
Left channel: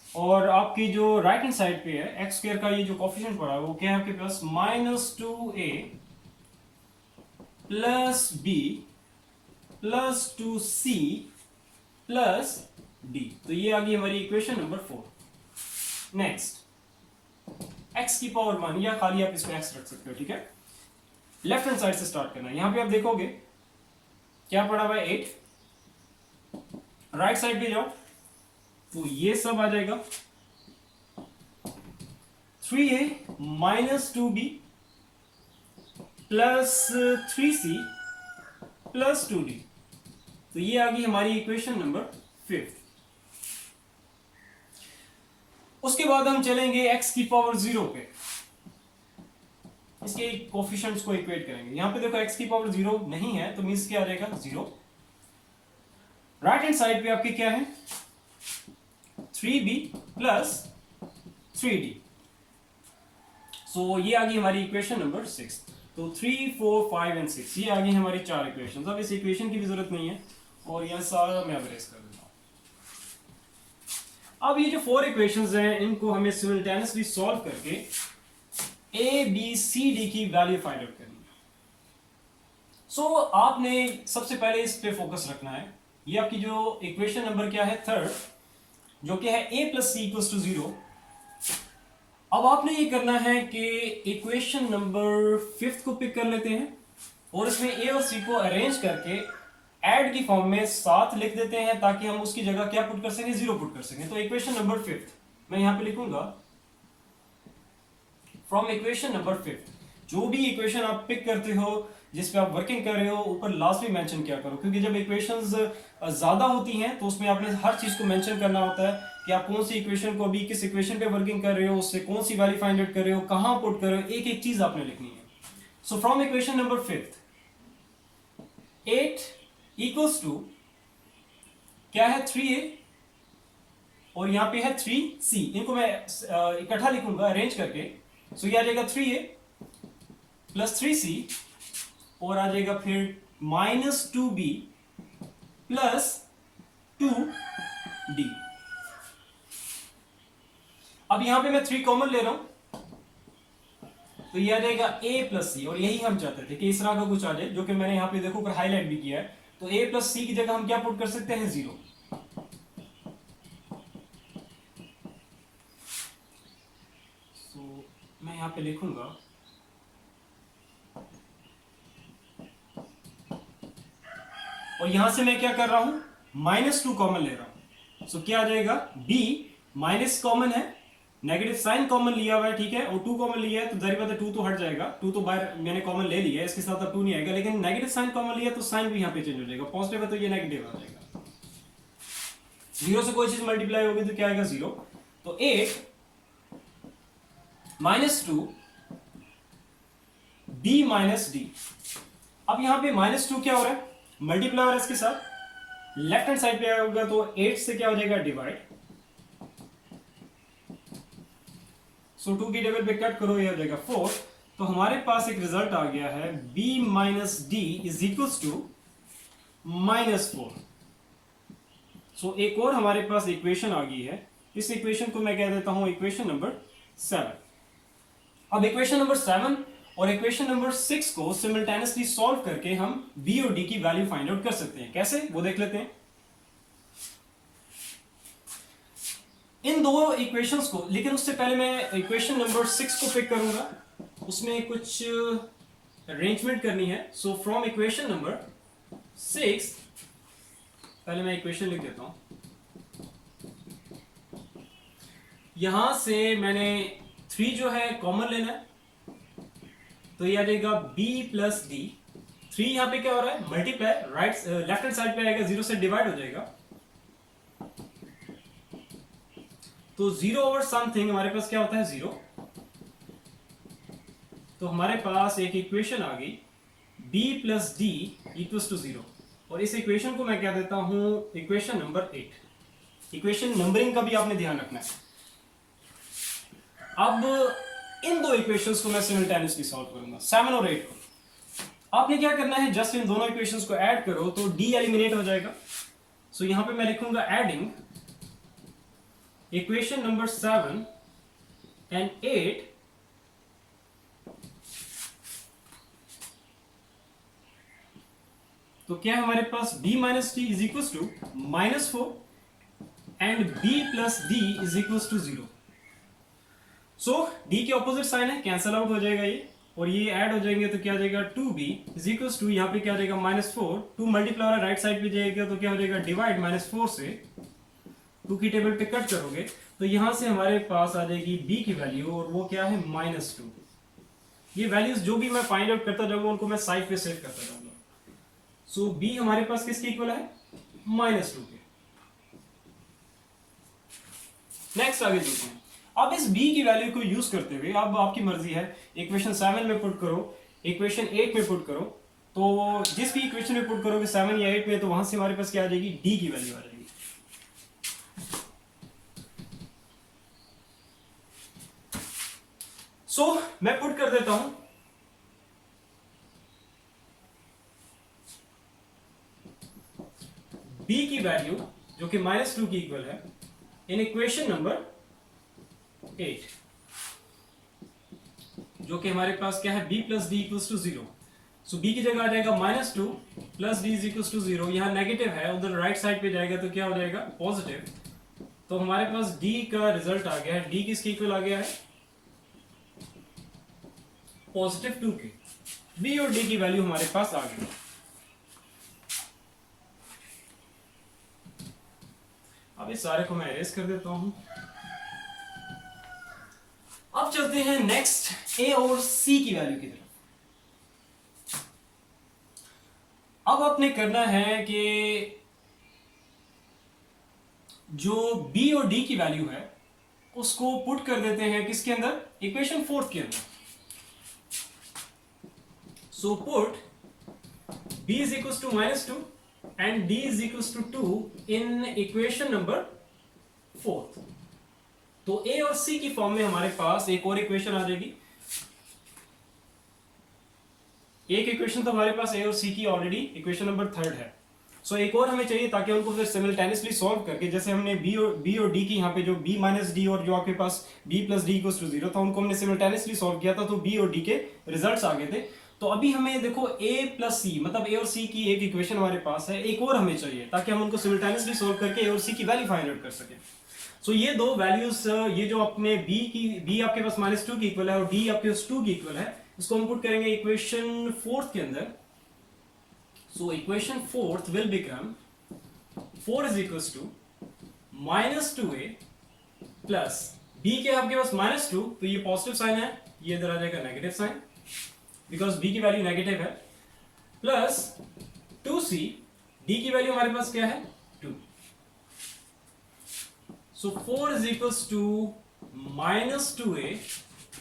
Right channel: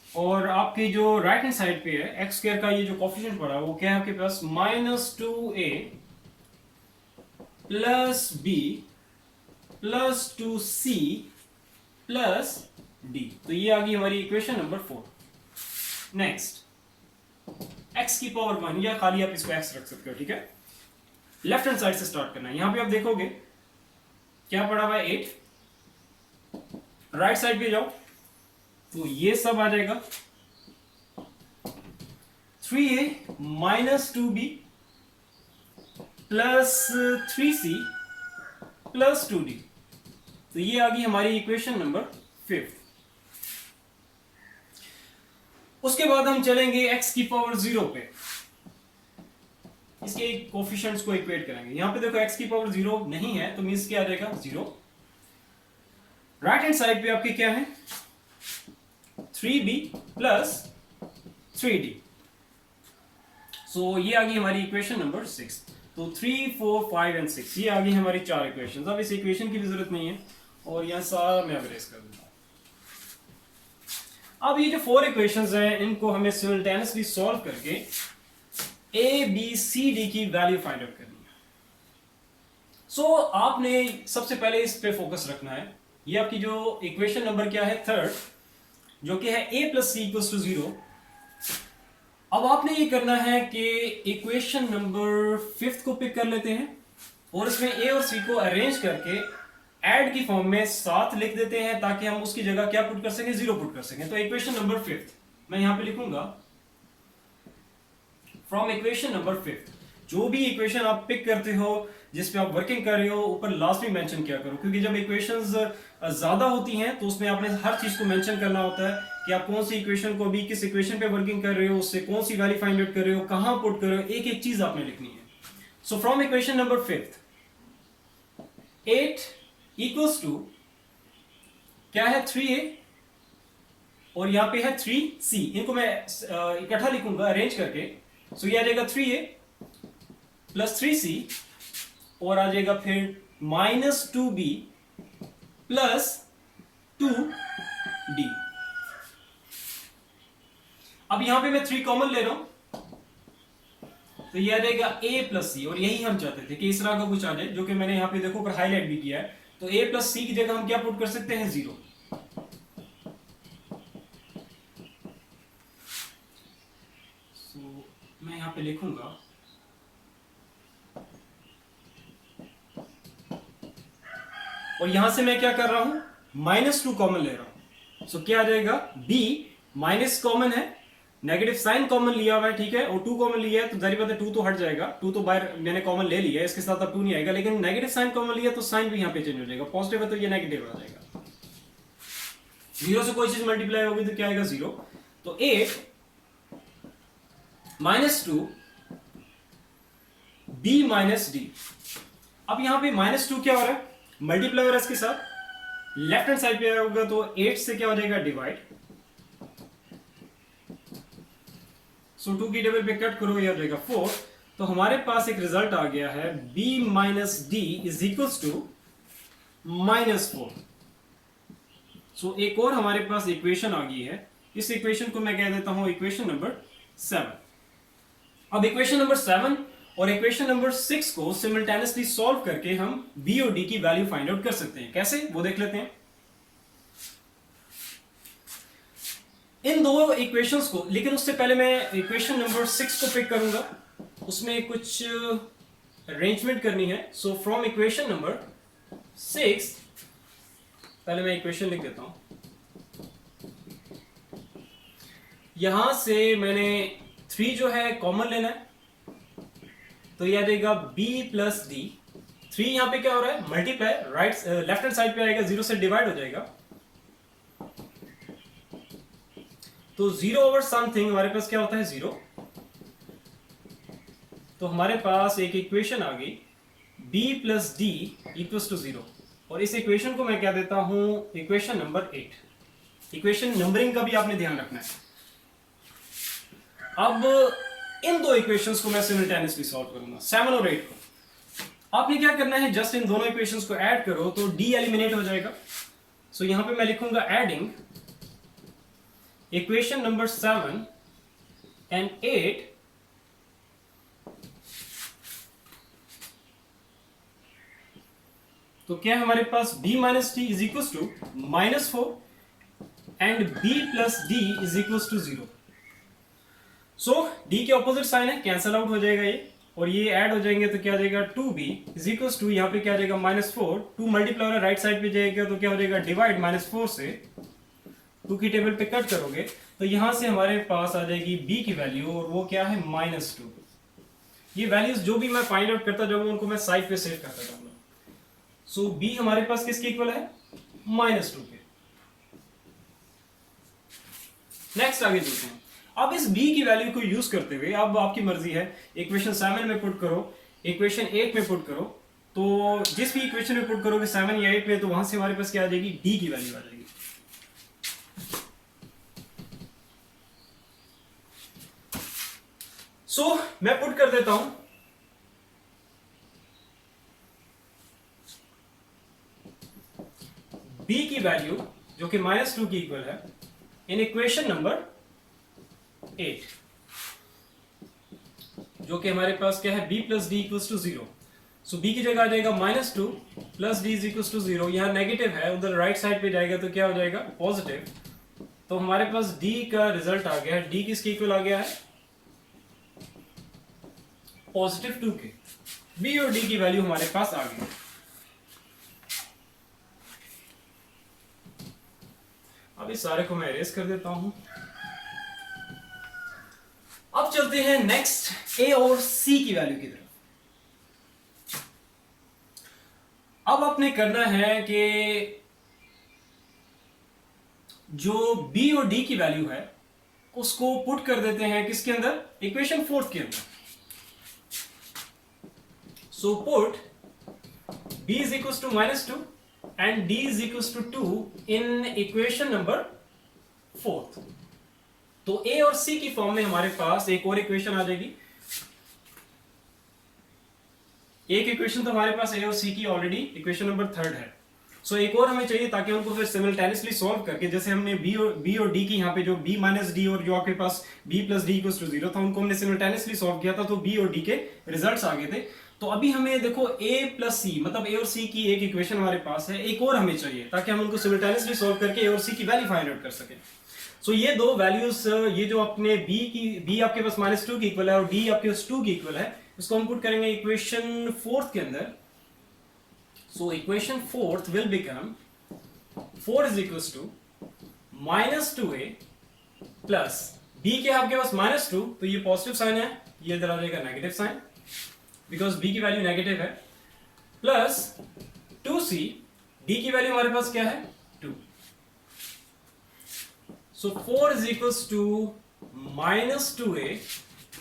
और आपकी जो राइट हैंड साइड पे है एक्स स्क्वायर का ये जो कोफिशिएंट पड़ा है वो क्या है आपके पास -2a plus b plus 2c plus d। तो ये आ गई हमारी इक्वेशन नंबर 4। नेक्स्ट x की पावर 1 या खाली आप इसको x रख सकते हो, ठीक है। लेफ्ट हैंड साइड से स्टार्ट करना है, यहां पे आप देखोगे क्या पड़ा हुआ है 8। राइट साइड पे जाओ तो ये सब आ जाएगा 3a minus 2b plus 3c plus 2d। तो ये आ गई हमारी इक्वेशन नंबर 5। उसके बाद हम चलेंगे x की पावर 0 पे, इसके कोफिशिएंट्स को इक्वेट करेंगे। यहां पे देखो x की पावर 0 नहीं है तो मींस क्या आ जाएगा 0। राइट हैंड साइड पे आपके क्या है 3b प्लस 3d। सो ये आ गई हमारी इक्वेशन नंबर 6। तो 3, 4, 5 एंड 6 ये आ गई हमारी 4 इक्वेशंस। अब इस इक्वेशन की भी जरूरत नहीं है और यहां सारा मैं अरेज कर देता हूं। अब ये जो 4 इक्वेशंस हैं इनको हमें सिमिल्टेनियसली सॉल्व करके ए बी सी डी की वैल्यू फाइंड आउट करनी है। सो आपने सबसे पहले इस पे फोकस रखना है। ये आपकी जो इक्वेशन नंबर क्या है 3rd, जो कि है a plus c equals to 0। अब आपने ये करना है कि इक्वेशन नंबर 5th को पिक कर लेते हैं और इसमें a और c को अरेंज करके ऐड की फॉर्म में साथ लिख देते हैं ताकि हम उसकी जगह क्या पुट कर सकें 0 पुट कर सकें। तो इक्वेशन नंबर 5th मैं यहां पे लिखूंगा फ्रॉम इक्वेशन नंबर 5th। जो भी इक्वेशन आप पिक करते हो जिस पे आप वर्किंग कर रहे हो ऊपर लास्ट में मेंशन किया करो, क्योंकि जब इक्वेशंस ज्यादा होती हैं तो उसमें आपने हर चीज को मेंशन करना होता है कि आप कौन सी इक्वेशन को अभी किस इक्वेशन पे वर्किंग कर रहे हो, उससे कौन सी वैल्यू फाइंड आउट कर रहे हो, कहां पुट कर रहे हो, एक एक चीज आपने लिखनी है। So from equation number 5th 8 equals to क्या है 3a और यहां पे है 3c। इनको मैं इकट्ठा लिखूंगा अरेंज करके। सो ये आ जाएगा 3a प्लस 3c और आ जाएगा फिर -2b प्लस 2d। अब यहां पे मैं 3 कॉमन ले रहा हूं तो ये आ जाएगा a प्लस सी, और यही हम चाहते थे कि इस तरह का कुछ आ जाए, जो कि मैंने यहां पे देखो ऊपर हाईलाइट भी किया है। तो a प्लस सी की जगह हम क्या पुट कर सकते हैं 0। मैं यहां पे लिखूंगा और यहां से मैं क्या कर रहा हूं -2 कॉमन ले रहा हूं। सो क्या आ जाएगा b माइनस कॉमन है, नेगेटिव साइन कॉमन लिया हुआ है, ठीक है, और 2 कॉमन लिया है तो जारी बात है 2 तो हट जाएगा, 2 तो बाहर मैंने कॉमन ले लिया है, इसके साथ अब 2 नहीं आएगा, लेकिन नेगेटिव साइन कॉमन लिया तो साइन भी यहां पे चेंज हो जाएगा, पॉजिटिव है तो ये नेगेटिव आ जाएगा। 0 से कोई चीज मल्टीप्लाई होगी तो क्या आएगा 0। तो 8 -2 b माइनस डी। अब यहां पे -2 क्या हो रहा है मल्टीप्लाई हो रहा है इसके साथ, लेफ्ट हैंड साइड पे होगा तो 8 से क्या हो जाएगा डिवाइड। सो 2 की टेबल पे कट करो ये हो जाएगा 4। तो हमारे पास एक रिजल्ट आ गया है b minus d is equals to -4। So एक और हमारे पास इक्वेशन आ गई है, इस इक्वेशन को मैं कह देता हूं इक्वेशन नंबर 7। अब इक्वेशन नंबर 7 और इक्वेशन नंबर 6 को सिमिल्टेनियसली सॉल्व करके हम b और d की वैल्यू फाइंड आउट कर सकते हैं। कैसे वो देख लेते हैं। इन दो इक्वेशंस को, लेकिन उससे पहले मैं इक्वेशन नंबर 6 को पिक करूंगा, उसमें कुछ अरेंजमेंट करनी है। सो फ्रॉम इक्वेशन नंबर 6, पहले मैं इक्वेशन लिख देता हूं। यहां से मैंने 3 जो है कॉमन लेना है, तो ये आ जाएगा b प्लस डी। 3 यहां पे क्या हो रहा है, मल्टीप्लाई, लेफ्ट हैंड साइड पे आएगा, 0 से डिवाइड हो जाएगा। तो 0 ओवर समथिंग हमारे पास क्या होता है, 0। तो हमारे पास एक इक्वेशन आ गई, b plus d equals to 0। और इस इक्वेशन को मैं क्या देता हूं, इक्वेशन नंबर 8। इक्वेशन नंबरिंग का भी आपने ध्यान रखना है। अब इन दो इक्वेशंस को मैं सिमिल्टेनियसली सॉल्व करूंगा, 7 और 8 को। आपने क्या करना है, जस्ट इन दोनों इक्वेशंस को ऐड करो तो d एलिमिनेट हो जाएगा। सो यहां पे मैं लिखूंगा एडिंग इक्वेशन नंबर 7 एंड 8 तो क्या है हमारे पास, b minus t is equal to -4 and b plus d is equal to 0। So d के ऑपोजिट साइन है, कैंसल आउट हो जाएगा ये, और ये ऐड हो जाएंगे तो क्या आ जाएगा, 2b इज इक्वल टू, यहाँ पे क्या आ जाएगा, -4। 2 मल्टीप्लाई हो रहा है, राइट साइड पे जाएगा तो क्या हो जाएगा, डिवाइड, -4 से 2 की टेबल पे कट करोगे तो यहां से हमारे पास आ जाएगी b की वैल्यू, और वो क्या है, -2। ये वैल्यूज जो भी मैं फाइंड आउट करता जाऊंगा उनको मैं साइड पे सेव करता जाऊंगा। सो b हमारे पास किसके इक्वल है, -2 के। नेक्स्ट आगे देखते हैं। अब इस b की वैल्यू को यूज करते हुए, अब आपकी मर्जी है, इक्वेशन 7 में पुट करो, इक्वेशन 8 में पुट करो। तो जिस भी इक्वेशन में पुट करोगे 7 या 8 में, तो वहां से हमारे पास क्या आ जाएगी, d की वैल्यू आ जाएगी। सो मैं पुट कर देता हूं, b की वैल्यू जो कि -2 की इक्वल है इन इक्वेशन नंबर 8, जो कि हमारे पास क्या है, b plus d equals to 0। So b की जगह आ जाएगा -2 plus d is equals to 0। यहां नेगेटिव है, उधर राइट साइड पे जाएगा तो क्या हो जाएगा, पॉजिटिव। तो हमारे पास d का रिजल्ट आ गया है, d किसके इक्वल आ गया है, +2 के। b और d की वैल्यू हमारे पास आ गई। अब इस सारे को मैं इरेज कर देता हूं। अब चलते हैं नेक्स्ट a और c की वैल्यू की तरफ। अब आपने करना है कि जो b और d की वैल्यू है उसको पुट कर देते हैं किसके अंदर, इक्वेशन 4 के अंदर। So put b is equals to -2 and d is equals to 2 in equation number 4। तो a और c की फॉर्म में हमारे पास एक और इक्वेशन आ जाएगी। एक इक्वेशन तो हमारे पास a और c की ऑलरेडी इक्वेशन नंबर 3 है। सो एक और हमें चाहिए ताकि हमको फिर सिमिल्टेनियसली सॉल्व करके, जैसे हमने b और d की यहाँ पे जो b माइनस डी और जो आपके पास b plus d equals to 0 था, उनको हमने सिमिल्टेनियसली सॉल्व किया था, तो b और d के रिजल्ट्स आ गए थे। तो अभी हमें देखो a प्लस सी, मतलब a और c की एक इक्वेशन हमारे पास है, एक और हमें चाहिए ताकि हम उनको सिमिल्टेनियसली सॉल्व करके a और c की वैल्यू फाइंड आउट कर सकें। सो ये दो वैल्यूज, ये जो अपने b आपके पास -2 की इक्वल है और d आपके पास 2 की इक्वल है, इसको हम पुट करेंगे इक्वेशन 4 के अंदर। So equation 4 will become 4 is equals to -2a plus b के आपके पास -2, तो ये पॉजिटिव साइन है, ये इधर आ जाएगा नेगेटिव साइन बिकॉज b की वैल्यू नेगेटिव है, प्लस 2c, d की वैल्यू हमारे पास क्या है, 2। सो 4 इज इक्वल्स टू -2a,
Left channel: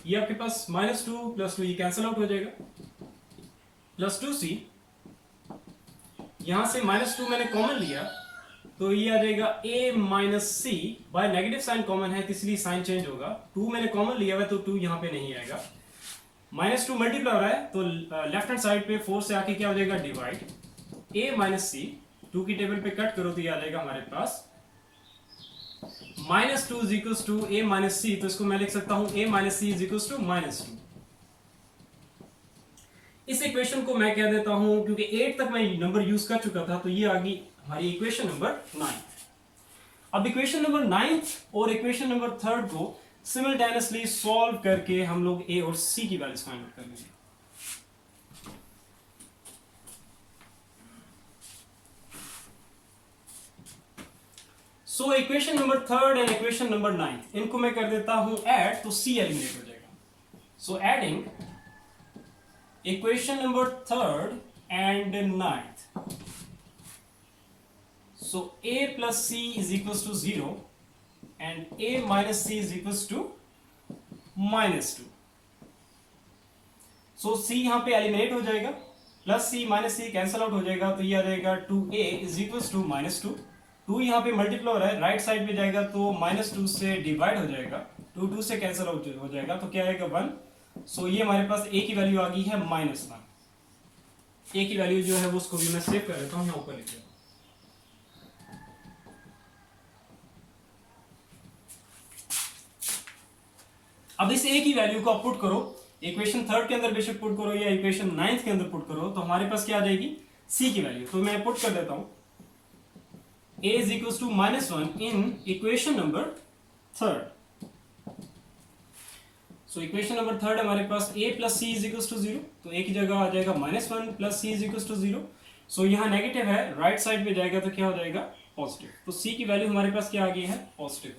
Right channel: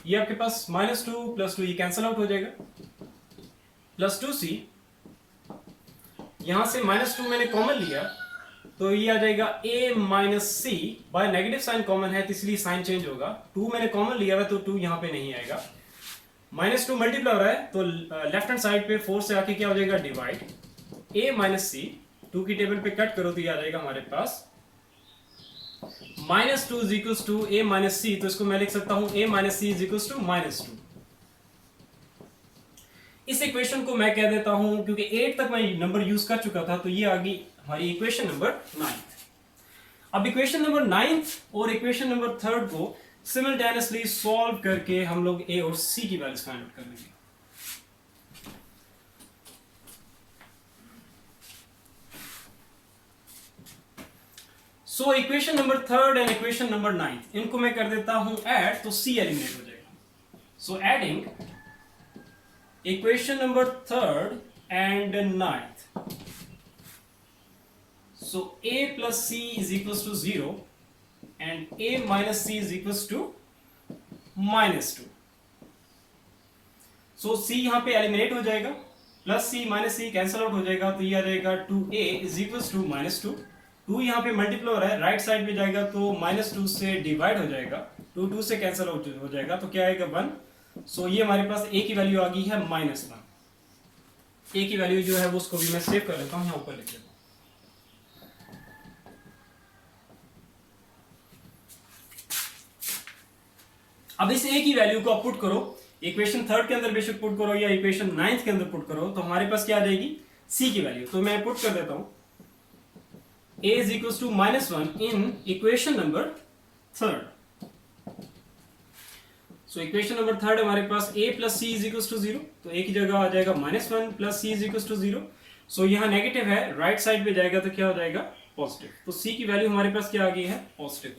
ये आपके पास -2 प्लस 2 ये कैंसल आउट हो जाएगा, प्लस 2c, यहां से -2 मैंने कॉमन लिया तो ये आ जाएगा a minus c, by negative sign common है तो इसलिए साइन चेंज होगा। 2 मैंने कॉमन लिया है तो 2 यहां पे नहीं आएगा, -2 मल्टीप्लाई हो रहा है तो लेफ्ट हैंड साइड पे 4 से आके क्या हो जाएगा, डिवाइड, a माइनस सी, 2 की टेबल पे कट करो तो ये आ जाएगा हमारे पास -2 is equals to a minus C. तो इसको मैं लिख सकता हूं a minus C is equals to -2। इस इक्वेशन को मैं कह देता हूं, क्योंकि 8 तक मैं नंबर यूज कर चुका था, तो ये आ गई हमारी इक्वेशन नंबर 9। अब इक्वेशन नंबर 9 और इक्वेशन नंबर 3 को सिमिल्टेनियसली सॉल्व करके हम लोग a और c की वैल्यूज फाइंड आउट कर लेंगे। So equation number third and equation number 9 इनको मैं कर देता हूं ऐड, तो सी एलिमिनेट हो जाएगा. So adding equation number third and 9th. So a plus c is equals to 0 and a minus c is equals to -2. So c यहाँ पे एलिमिनेट हो जाएगा, plus c minus c cancel out हो जाएगा, तो ये आ जाएगा 2a is equals to -2. 2 यहाँ पे मल्टीप्लाई हो रहा है, राइट साइड में जाएगा तो -2 से डिवाइड हो जाएगा, 2 से कैंसल आउट हो जाएगा, तो क्या आएगा 1. सो ये हमारे पास a की वैल्यू आ गई है -1. a की वैल्यू जो है वो उसको भी मैं सेव कर लेता हूँ, यहाँ ऊपर लिख देता हूँ. अब इस a की वैल्यू को आप पुट करो, इक्वेशन थर्ड के अंदर बेशक पुट करो या इक्वेशन 9th के अंदर पुट करो, तो हमारे पास क्या आ जाएगी c की वैल्यू. तो मैं पुट कर देता हूं a is equals to -1 in equation number third. So equation number third हमारे पास a plus c is equals to 0, तो a की जगह आ जाएगा -1 plus c is equals to 0. सो यहाँ नेगेटिव है, राइट साइड में जाएगा तो क्या हो जाएगा पॉजिटिव. तो c की वैल्यू हमारे पास क्या आ गई है +1.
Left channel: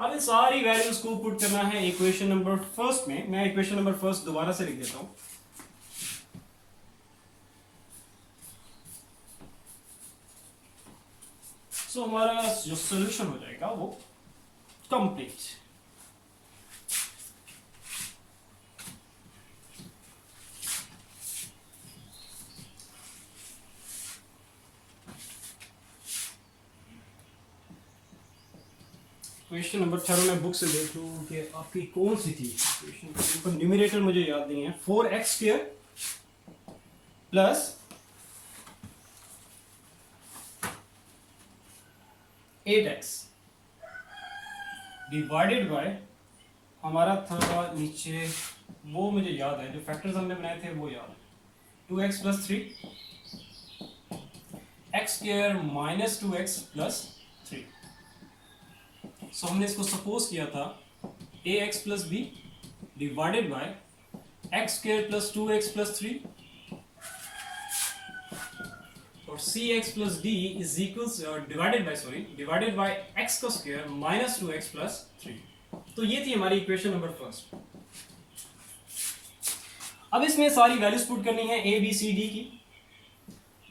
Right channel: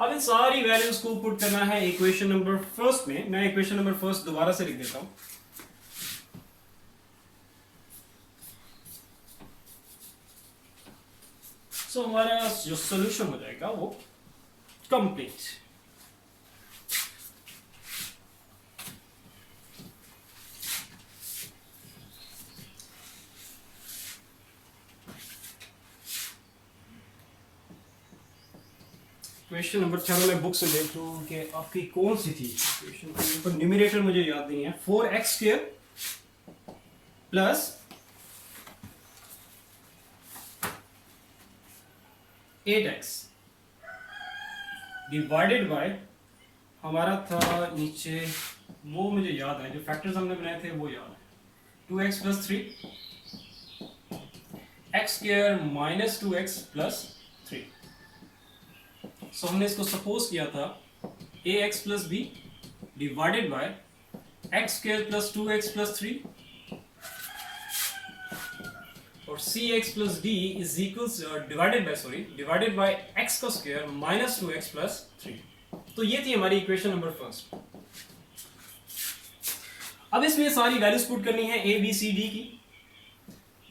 अब इन सारी वैल्यूज को पुट करना है इक्वेशन नंबर फर्स्ट में. मैं इक्वेशन नंबर फर्स्ट दोबारा से लिख देता हूं. सो हमारा जो सॉल्यूशन हो जाएगा वो कंप्लीट. क्वेश्चन नंबर 3 मैं बुक से देख लूँ कि आपकी कौन सी थी क्वेश्चन पर. न्यूमरेटर मुझे याद नहीं है. 4x² plus 8x divided by, हमारा था नीचे वो मुझे याद है, जो फैक्टर्स हमने बनाए थे वो याद है. 2x plus 3 x² minus 2x plus 3. सो हमने इसको सपोज किया था ax plus b divided by x² plus 2x plus 3 और cx plus d is equals divided by x का स्क्वायर माइनस 2x प्लस 3. तो ये थी हमारी इक्वेशन नंबर फर्स्ट. अब इसमें सारी वैल्यूज पुट करनी है a b c d की.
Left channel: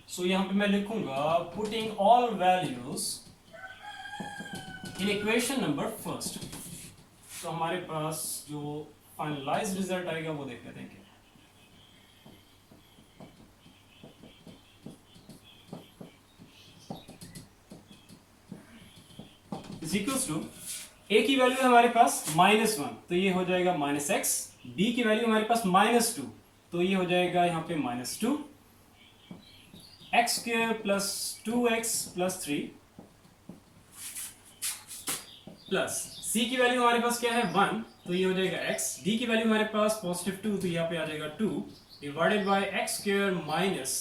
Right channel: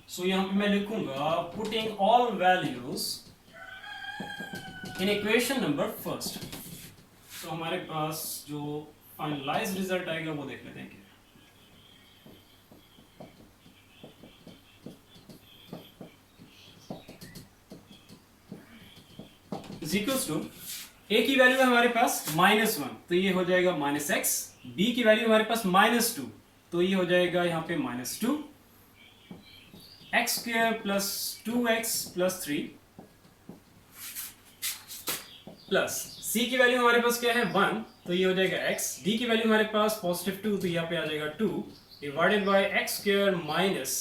सो यहां पे मैं लिखूंगा putting all values in equation number first. तो हमारे पास जो फाइनलाइज्ड रिजल्ट आएगा वो देख लेते हैं. इज इक्वल्स टू a की वैल्यू है हमारे पास -1, तो ये हो जाएगा -x. b की वैल्यू हमारे पास -2, तो ये हो जाएगा यहाँ पे -2. x² plus 2x plus 3 plus c की वैल्यू हमारे पास क्या है 1, तो ये हो जाएगा x. d की वैल्यू हमारे पास +2, तो यहाँ पे आ जाएगा 2 divided by x² minus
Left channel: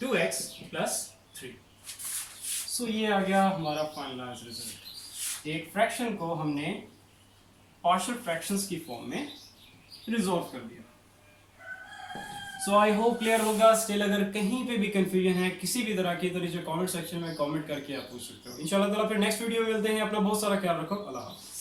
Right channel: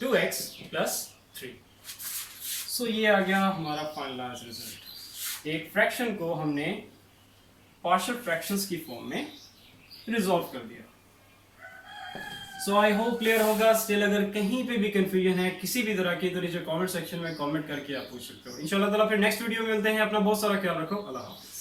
2x plus 3. सो ये आ गया हमारा फाइनलाइज्ड रिजल्ट. एक फ्रैक्शन को हमने पार्शियल फ्रैक्शंस की फॉर्म में रिजॉल्व कर दिया. सो आई होप क्लियर होगा. स्टिल अगर कहीं पे भी कंफ्यूजन है किसी भी तरह की, तो नीचे कमेंट सेक्शन में कमेंट करके आप पूछ सकते हो. इंशाल्लाह ताला फिर नेक्स्ट वीडियो में मिलते हैं. अपना बहुत सारा ख्याल रखो. अल्लाह हाफ़िज़.